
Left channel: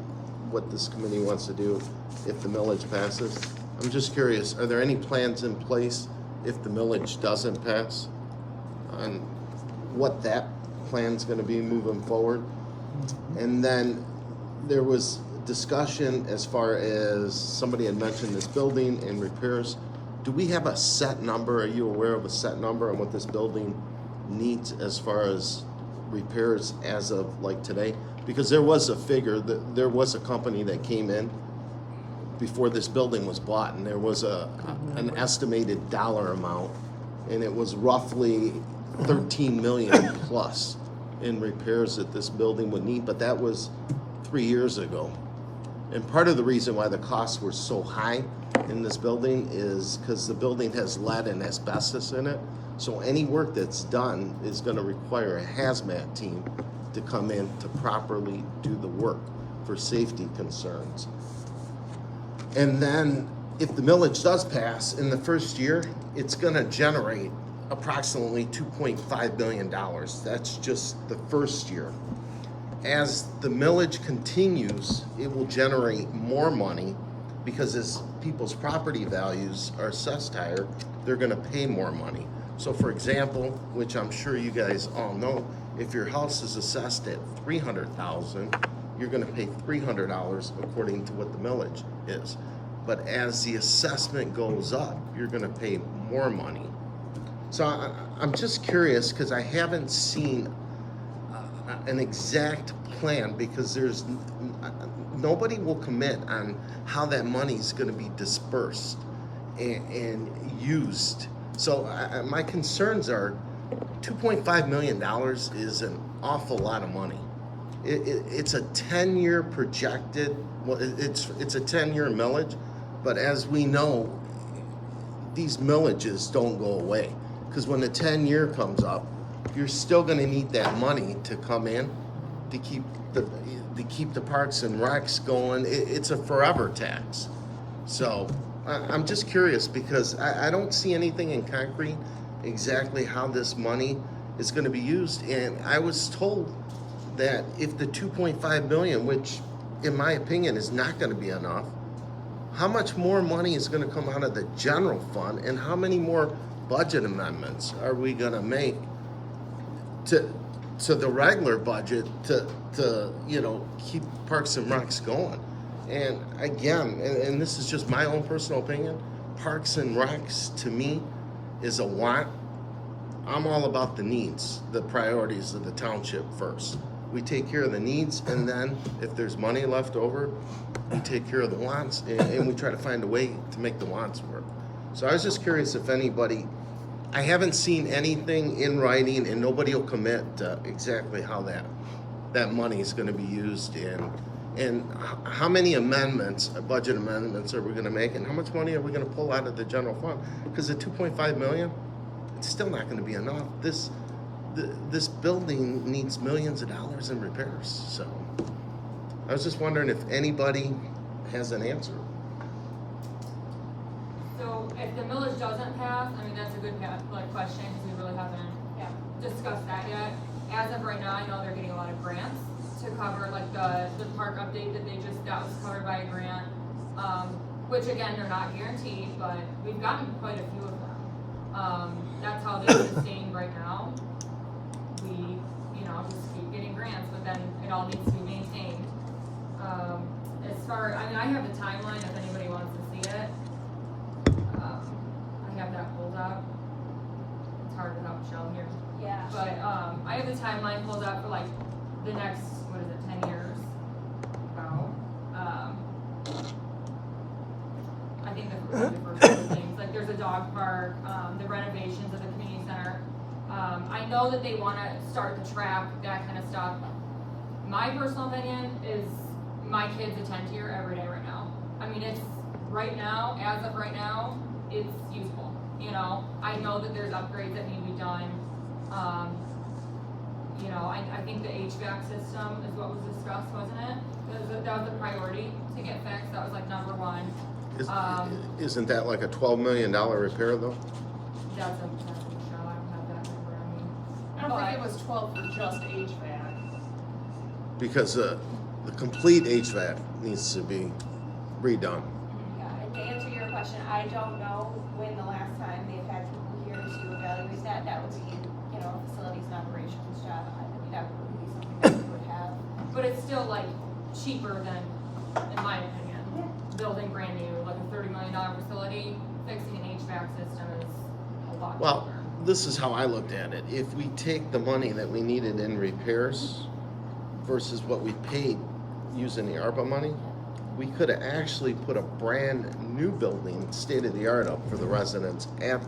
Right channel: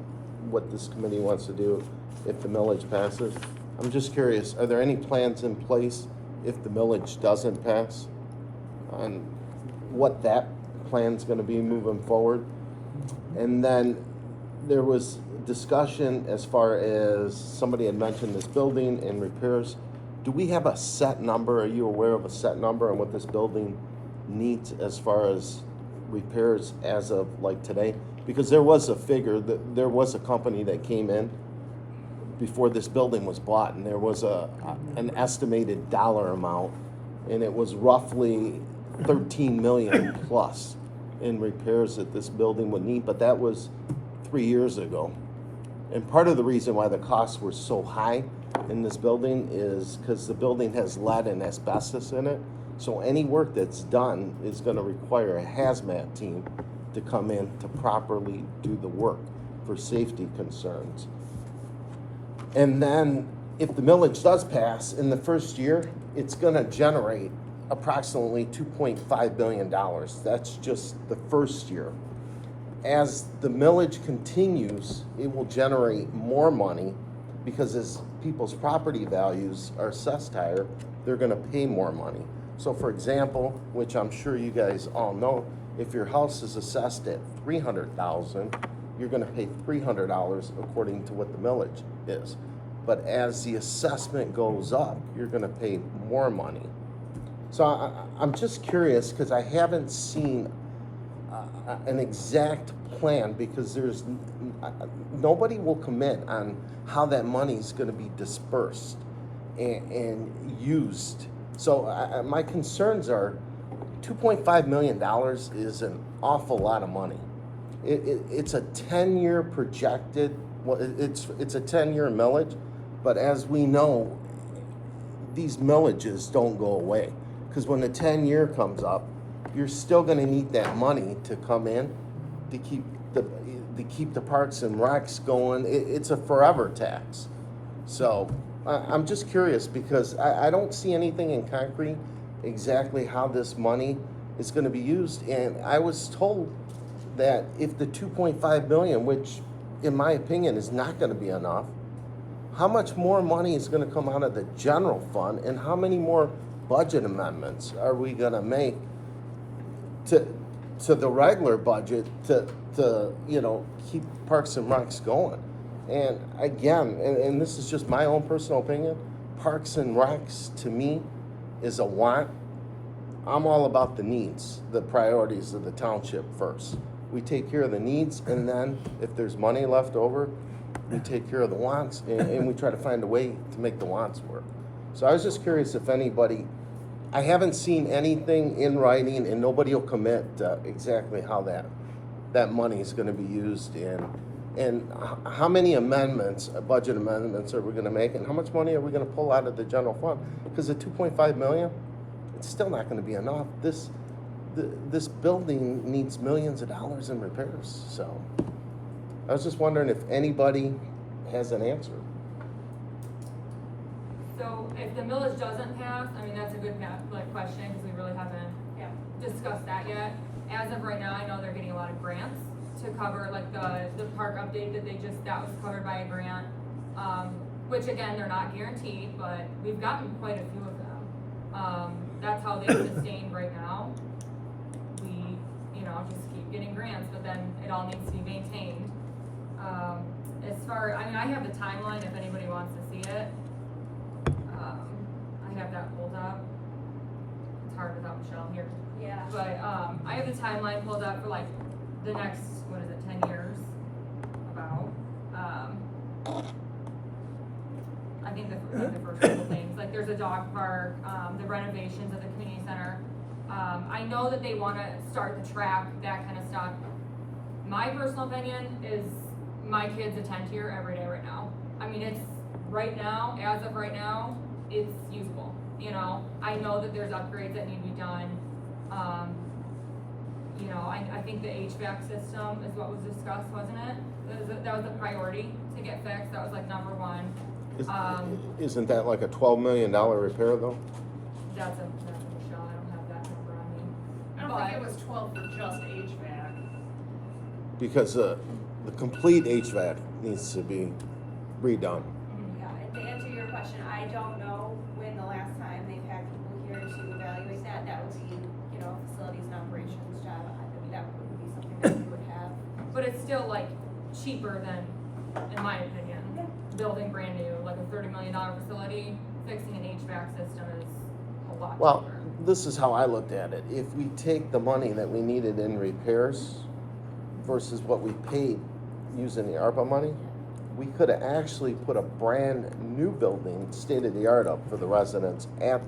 what this committee wants to do if the millage passes. I'm just curious, are there any plans in place if the millage doesn't pass on what that plan's gonna be moving forward? And then there was discussion as far as somebody had mentioned this building and repairs. Do we have a set number? Are you aware of a set number on what this building needs as far as repairs as of like today? Because there was a figure that there was a company that came in before this building was bought, and there was an estimated dollar amount, and it was roughly 13 million plus in repairs that this building would need, but that was 3 years ago. And part of the reason why the costs were so high in this building is because the building has lead and asbestos in it. So any work that's done is gonna require a hazmat team to come in to properly do the work for safety concerns. And then if the millage does pass in the first year, it's gonna generate approximately $2.5 billion. That's just the first year. As the millage continues, it will generate more money because as people's property values are assessed higher, they're gonna pay more money. So for example, which I'm sure you guys all know, if your house is assessed at $300,000, you're gonna pay $300 according to what the millage is. But as the assessment goes up, you're gonna pay more money. So I'm just curious, because I haven't seen an exact plan, because there's nobody will commit on how that money's gonna be dispersed and used. So my concerns are $2.5 million is an awful lot of money. It's a 10-year projected, well, it's a 10-year millage, but as we know, these millages don't go away. Because when the 10-year comes up, you're still gonna need that money to come in to keep the parks and recs going. It's a forever tax. So I'm just curious, because I don't see anything in concrete exactly how this money is gonna be used. And I was told that if the 2.5 billion, which in my opinion is not gonna be enough, how much more money is gonna come out of the general fund, and how many more budget amendments are we gonna make to the regular budget to keep Parks and Recs going? And again, and this is just my own personal opinion, Parks and Recs to me is a want. I'm all about the needs, the priorities of the township first. We take care of the needs, and then if there's money left over, we take care of the wants, and we try to find a way to make the wants work. So I was just curious if anybody, I haven't seen anything in writing, and nobody will commit to exactly how that money is gonna be used, and And how many amendments, budget amendments are we gonna make, and how much money are we gonna pull out of the general fund? Because the 2.5 million, it's still not gonna be enough. This building needs millions of dollars in repairs, so. I was just wondering if anybody has an answer. So if the millage doesn't pass, I mean, that's a good question, because we really haven't Yeah. discussed that yet. As of right now, I know they're getting a lot of grants to cover, like, the park update that that was covered by a grant. Which again, they're not guaranteed, but we've gotten quite a few of them. That's how they sustain right now. We, just keep getting grants, but then it all needs to be maintained. I have the timeline if anybody wants to see it. I have that pulled up. It's hard without Michelle here. Yeah. But, I have the timeline pulled up for like the next, 10 years? About, I think the first couple things, like there's a dog park, the renovations of the community center. I know that they wanna start the track, that kind of stuff. My personal opinion is my kids attend here every day right now. I mean, it's, right now, as of right now, it's useful, I know that there's upgrades that need to be done. I think the HVAC system is what was discussed, wasn't it? That was a priority to get fixed, that was like number one. Isn't that like a $12 million repair though? That's a Michelle, I don't have that number on me. I don't think it was 12 for just HVAC. Because the complete HVAC needs to be redone. Yeah, and to answer your question, I don't know when the last time they've had people here to evaluate that. That would be, facilities and operations job. I mean, that would be something that we would have. But it's still like cheaper than, in my opinion, building brand new, like a $30 million facility, fixing an HVAC system is a lot cheaper. Well, this is how I looked at it. If we take the money that we needed in repairs versus what we paid using the ARPA money, we could have actually put a brand new building, state-of-the-art up for the residents at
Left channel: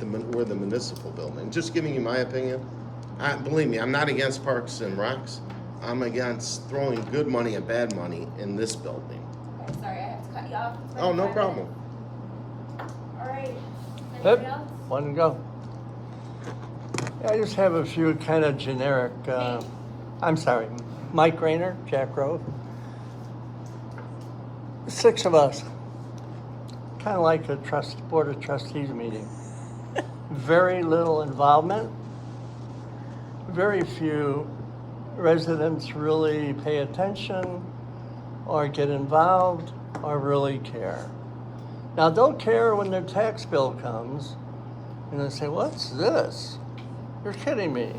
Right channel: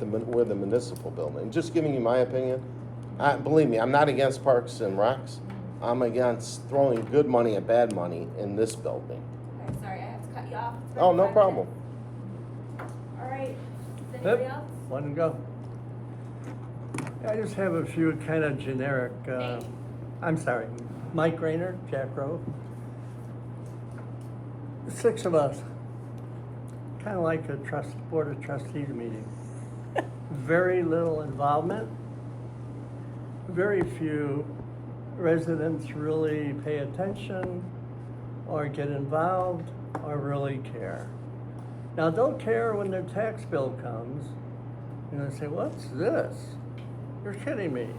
where the municipal building. Just giving you my opinion. Believe me, I'm not against Parks and Recs. I'm against throwing good money at bad money in this building. Okay, sorry, I have to cut you off. Oh, no problem. All right, is Good. anybody else? One to go. I just have a few kind of generic, I'm sorry, Mike Rayner, Jack Grove. 6 of us, kind of like a board of trustees meeting. Very little involvement. Very few residents really pay attention or get involved or really care. Now, they'll care when their tax bill comes and they say, what's this? You're kidding me.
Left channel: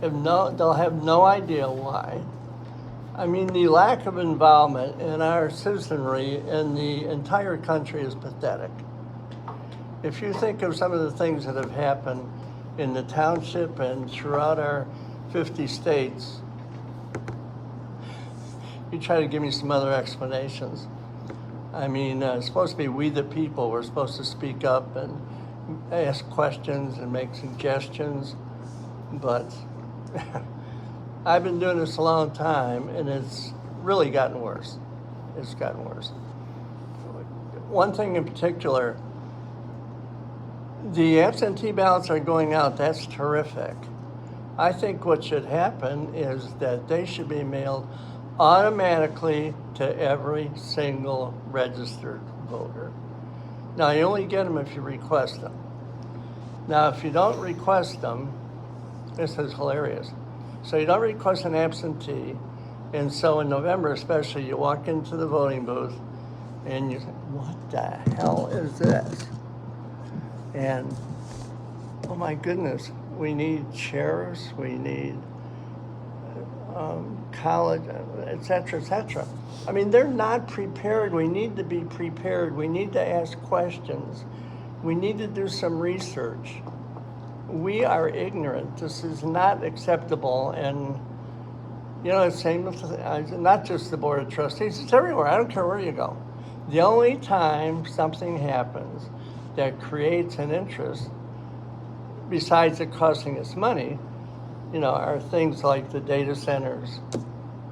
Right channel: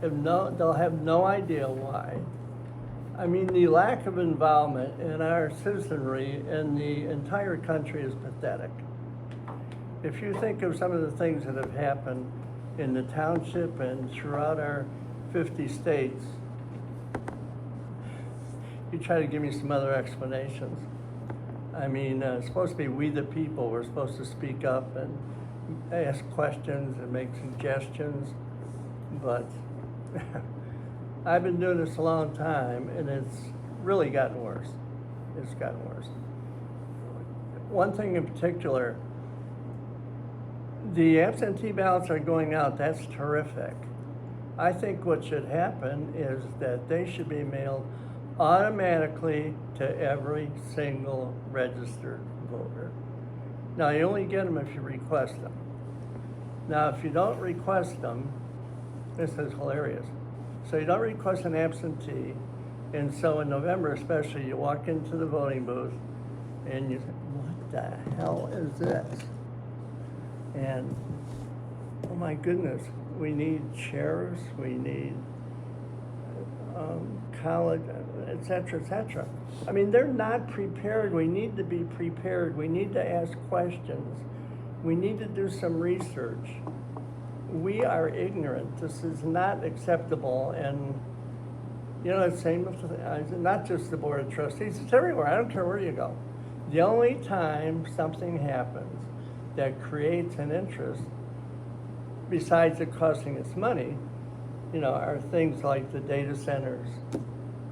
They'll have no idea why. I mean, the lack of involvement in our citizenry in the entire country is pathetic. If you think of some of the things that have happened in the township and throughout our 50 states, you try to give me some other explanations. I mean, it's supposed to be we the people. We're supposed to speak up and ask questions and make suggestions, but I've been doing this a long time and it's really gotten worse. It's gotten worse. One thing in particular, the absentee ballots are going out. That's terrific. I think what should happen is that they should be mailed automatically to every single registered voter. Now, you only get them if you request them. Now, if you don't request them, this is hilarious. So you don't request an absentee, and so in November especially, you walk into the voting booth and you say, what the hell is this? And, oh my goodness, we need sheriffs, we need college, et cetera, et cetera. I mean, they're not prepared. We need to be prepared. We need to ask questions. We need to do some research. We are ignorant. This is not acceptable. And, it's same with, not just the Board of Trustees, it's everywhere. I don't care where you go. The only time something happens that creates an interest, besides it costing us money, are things like the data centers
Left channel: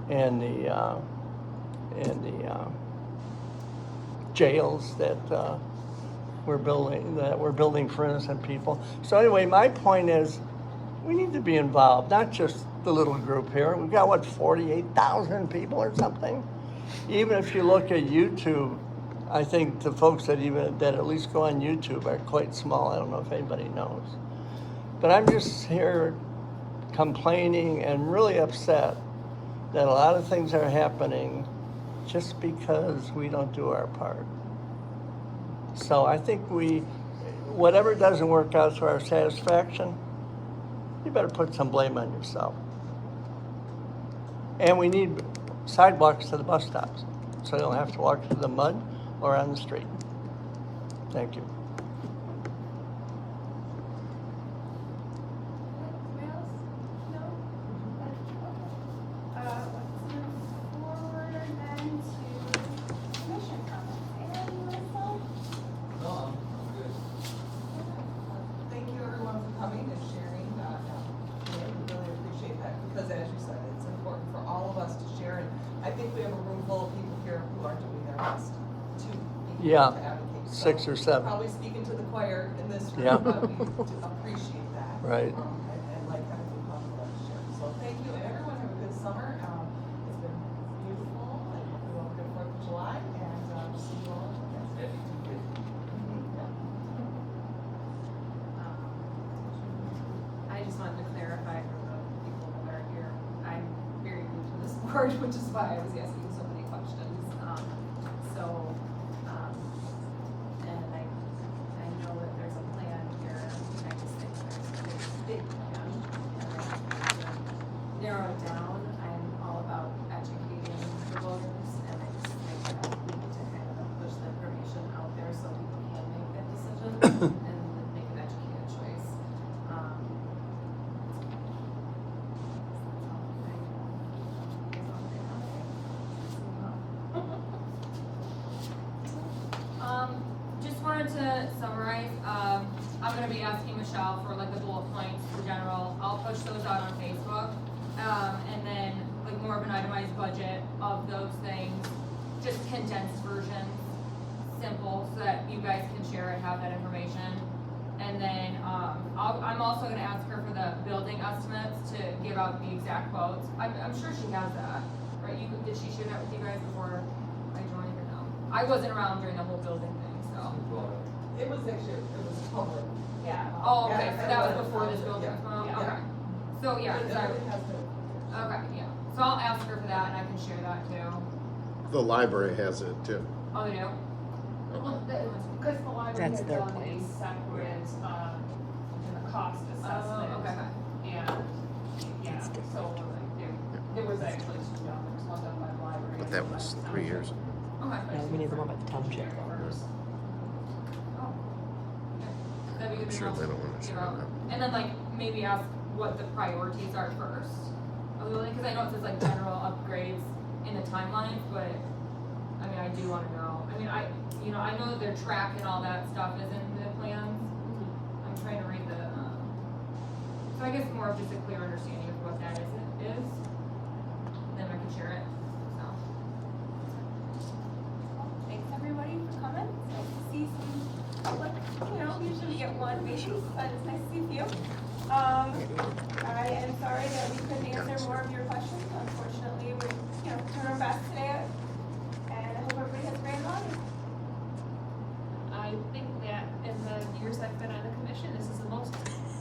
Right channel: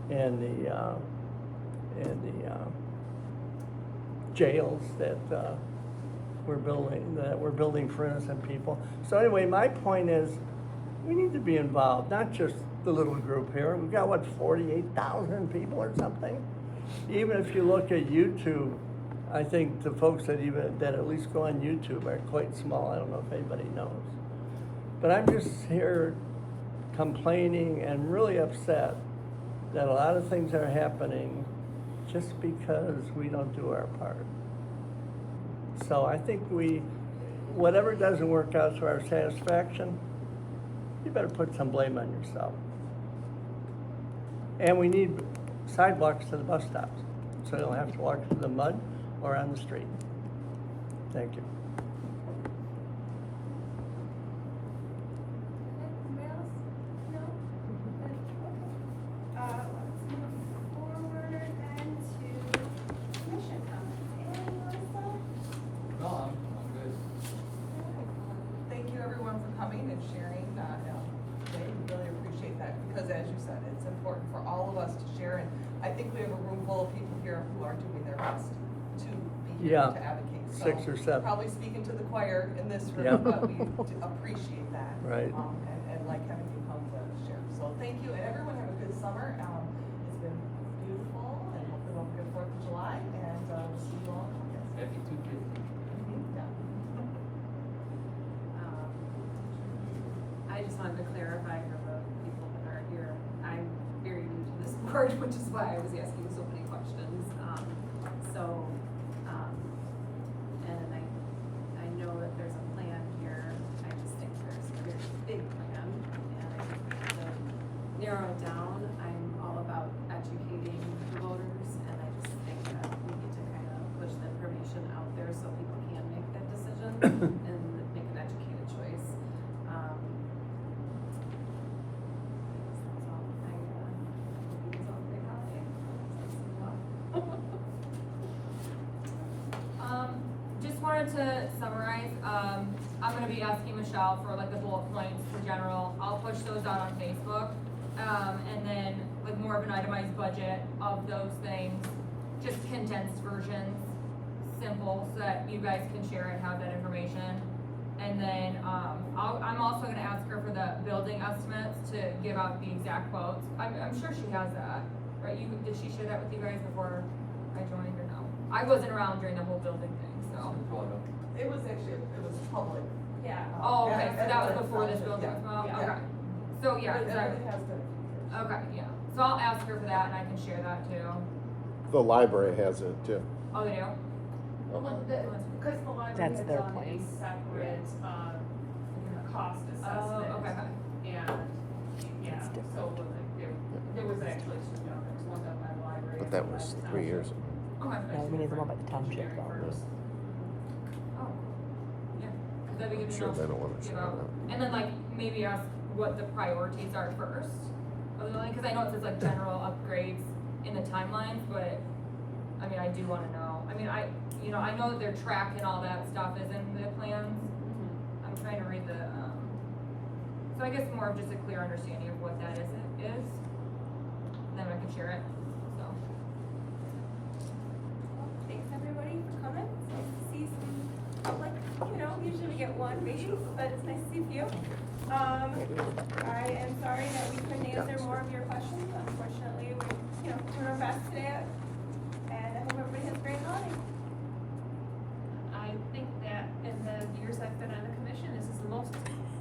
and jails that we're building for innocent people. So anyway, my point is, we need to be involved, not just the little group here. We've got, what, 48,000 people or something? Even if you look at YouTube, I think the folks that at least go on YouTube are quite small. I don't know if anybody knows. But I'm just here complaining and really upset that a lot of things are happening just because we don't do our part. So I think whatever doesn't work out to our satisfaction, you better put some blame on yourself. And we need sidewalks to the bus stops, so they don't have to walk through the mud or on the street. Thank you. Anybody else? No? Okay. Let's move forward then to commission comments. Anybody want to start? No, I'm good. Thank you everyone for coming and sharing, we really appreciate that, because as you said, it's important for all of us to share, and I think we have a room full of people here who are doing their best to be here Yeah, to advocate. So 6 or 7. Probably speaking to the choir in this room, Yeah. but we do appreciate that. Right. And like having you come for us to share. So thank you, and everyone have a good summer. It's been beautiful, and we hope a good 4th of July, and we'll see you all next Yeah, week. 5250. Yeah. I just wanted to clarify for the people that are here, I'm very new to this board, which is why I was asking so many questions. And I know that there's a plan here, I just think there's a big plan, and I think to narrow it down, I'm all about educating the voters, and I just think that we need to kind of push the information out there so people can make that decision and make an educated choice. Just wanted to summarize, I'm gonna be asking Michelle for like the bullet points for general, I'll push those out on Facebook. And then like more of an itemized budget of those things, just condensed versions, simple, so that you guys can share and have that information. And then, I'm also gonna ask her for the building estimates to give out the exact quotes. I'm sure she has that, right? Did she share that with you guys before I joined or no? I wasn't around during the whole building thing, so. It was public. Yeah. Oh, okay, Yeah, so that was everybody before this found it, building yeah. was Yeah. okay. So, yeah, 'cause Everybody has to. okay, yeah. So I'll ask her for that and I can share that too. The library has it too. Oh, they do? Because the library That's had their done a plan. separate, cost assessment. Oh, okay. Yeah, yeah, It's different. so there was actually two documents, one done by the library. But and that one by was the 3 years township. ago. Okay. No, we need the one by the township though. Oh, yeah. That'd be good to Sure, know. they don't wanna share about- that. And then like maybe ask what the priorities are first. Because I know it says like general upgrades in the timelines, but I mean, I do wanna know. I mean, I know that their track and all that stuff is in the plans. I'm trying to read the, so I guess more of just a clear understanding of what that is, then I can share it, so. Thanks everybody for coming. It's nice to see some, like, usually we get one maybe, but it's nice to see a few. I am sorry that we couldn't answer more of your questions. Unfortunately, we're, doing our best today. And I hope everybody has a great holiday. I think that in the years I've been on the commission, this is the most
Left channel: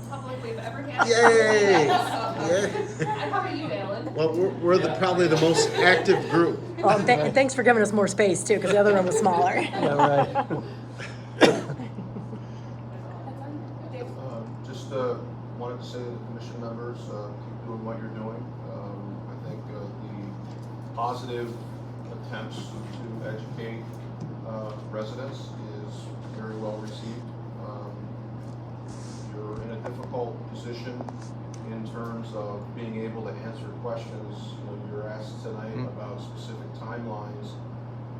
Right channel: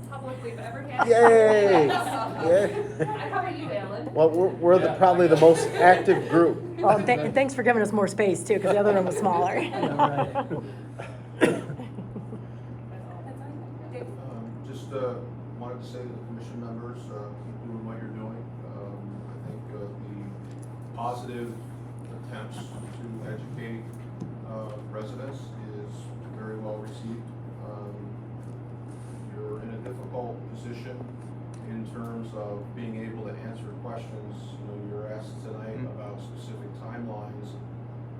public we've ever had. Yay! And how about you, Alan? Well, we're probably the most active group. Oh, and thanks for giving us more space too, because the other room was smaller. Yeah, right. Just wanted to say to the commission members, keep doing what you're doing. I think the positive attempts to educate residents is very well received. You're in a difficult position in terms of being able to answer questions. You're asked tonight about specific timelines,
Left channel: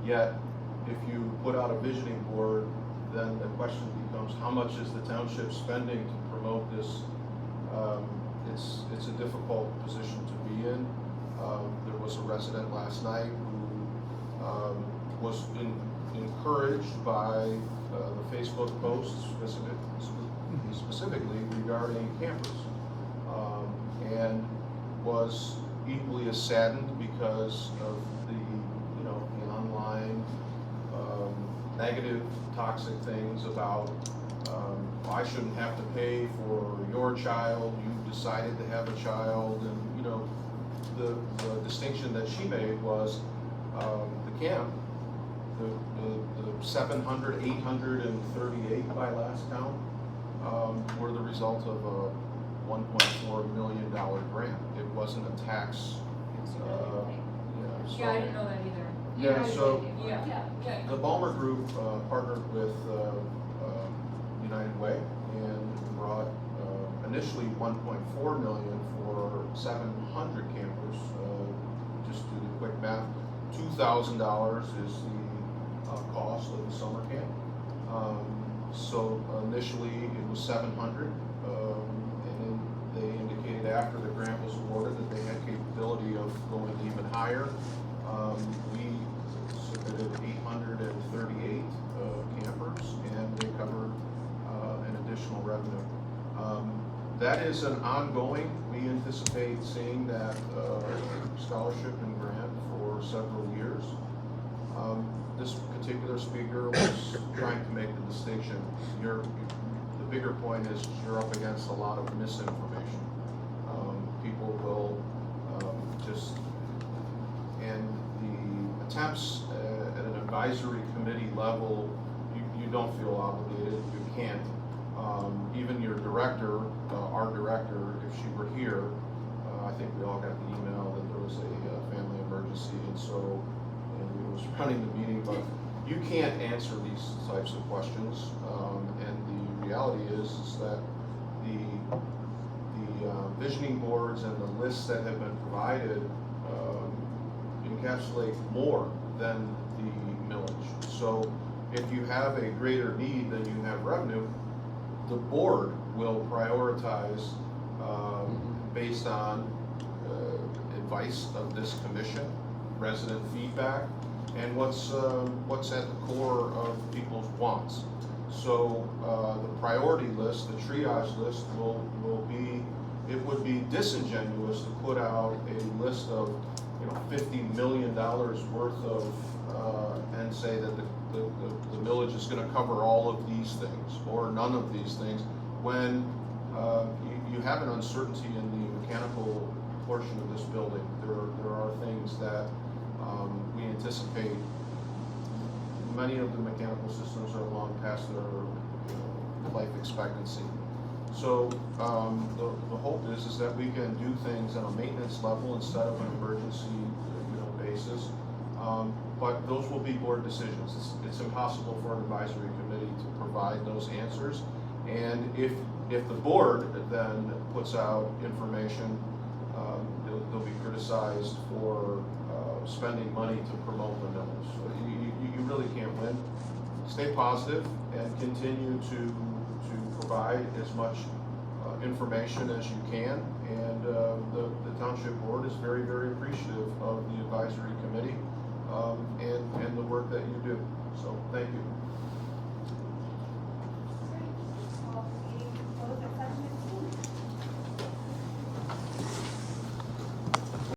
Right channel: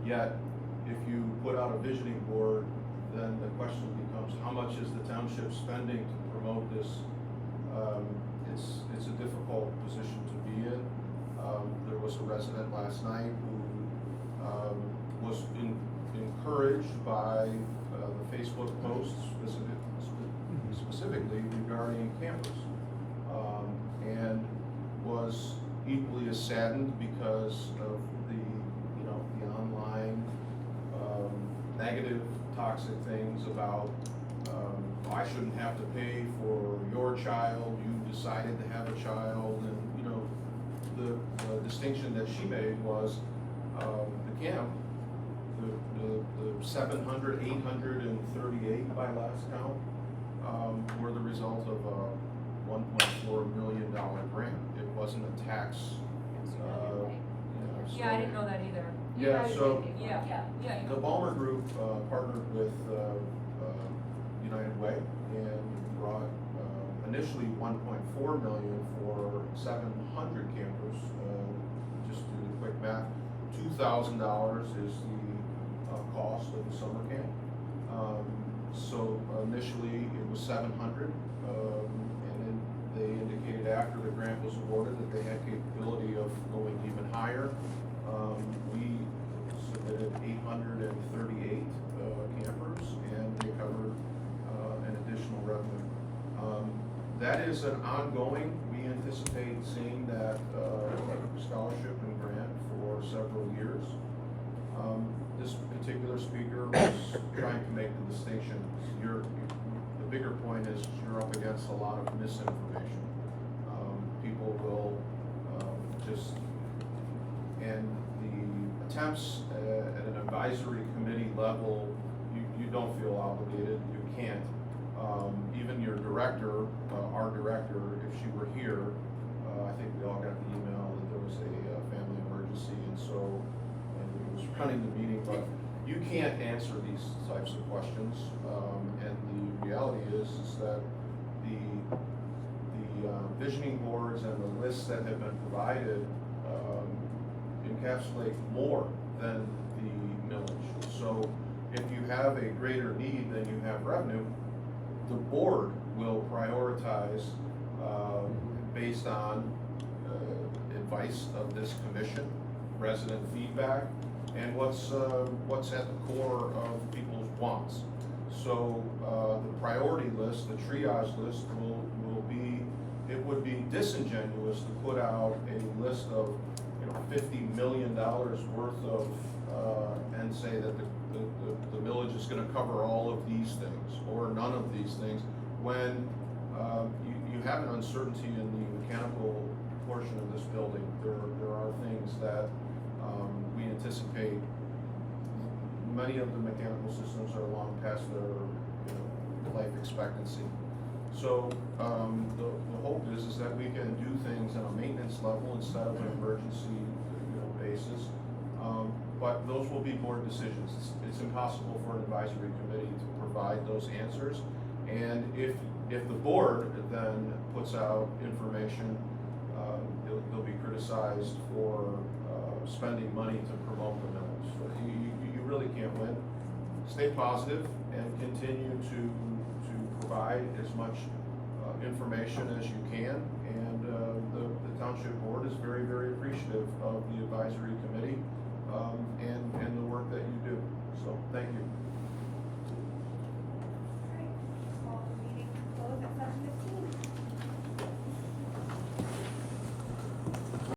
yet if you put out a visioning board, then the question becomes, how much is the township spending to promote this? It's a difficult position to be in. There was a resident last night who was encouraged by the Facebook posts specifically regarding campers. And was equally as saddened because of the, you know, the online negative, toxic things about I shouldn't have to pay for your child, you decided to have a child, and, you know, the distinction that she made was the camp, the 700, 838 by last count, were the result of a $1.4 million grant. It wasn't a tax. Yeah, I didn't know that either. Yeah, so Yeah. the Ballmer Group partnered with United Way and brought initially 1.4 million for 700 campers. Just do the quick math, $2,000 is the cost of the summer camp. So initially it was 700, and then they indicated after the grant was awarded that they had capability of going even higher. We submitted 838 campers, and they covered an additional revenue. That is an ongoing, we anticipate seeing that scholarship and grant for several years. This particular speaker was trying to make the distinction. The bigger point is you're up against a lot of misinformation. People will and the attempts at an advisory committee level, you don't feel obligated, you can't. Even your director, our director, if she were here, I think we all got the email that there was a family emergency, and so we was running the meeting, but you can't answer these types of questions. And the reality is that the visioning boards and the lists that have been provided encapsulate more than the millage. So if you have a greater need than you have revenue, the board will prioritize based on advice of this commission, resident feedback, and what's at the core of people's wants. So the priority list, the triage list will be, it would be disingenuous to put out a list of, you know, $50 million worth of, and say that the village is gonna cover all of these things, or none of these things, when you have an uncertainty in the mechanical portion of this building. There are things that we anticipate. Many of the mechanical systems are long past their life expectancy. So the hope is that we can do things on a maintenance level instead of an emergency basis. But those will be board decisions. It's impossible for an advisory committee to provide those answers. And if the board then puts out information, they'll be criticized for spending money to promote the millage. So you really can't win. Stay positive and continue to provide as much information as you can. And the township board is very, very appreciative of the advisory committee and the work that you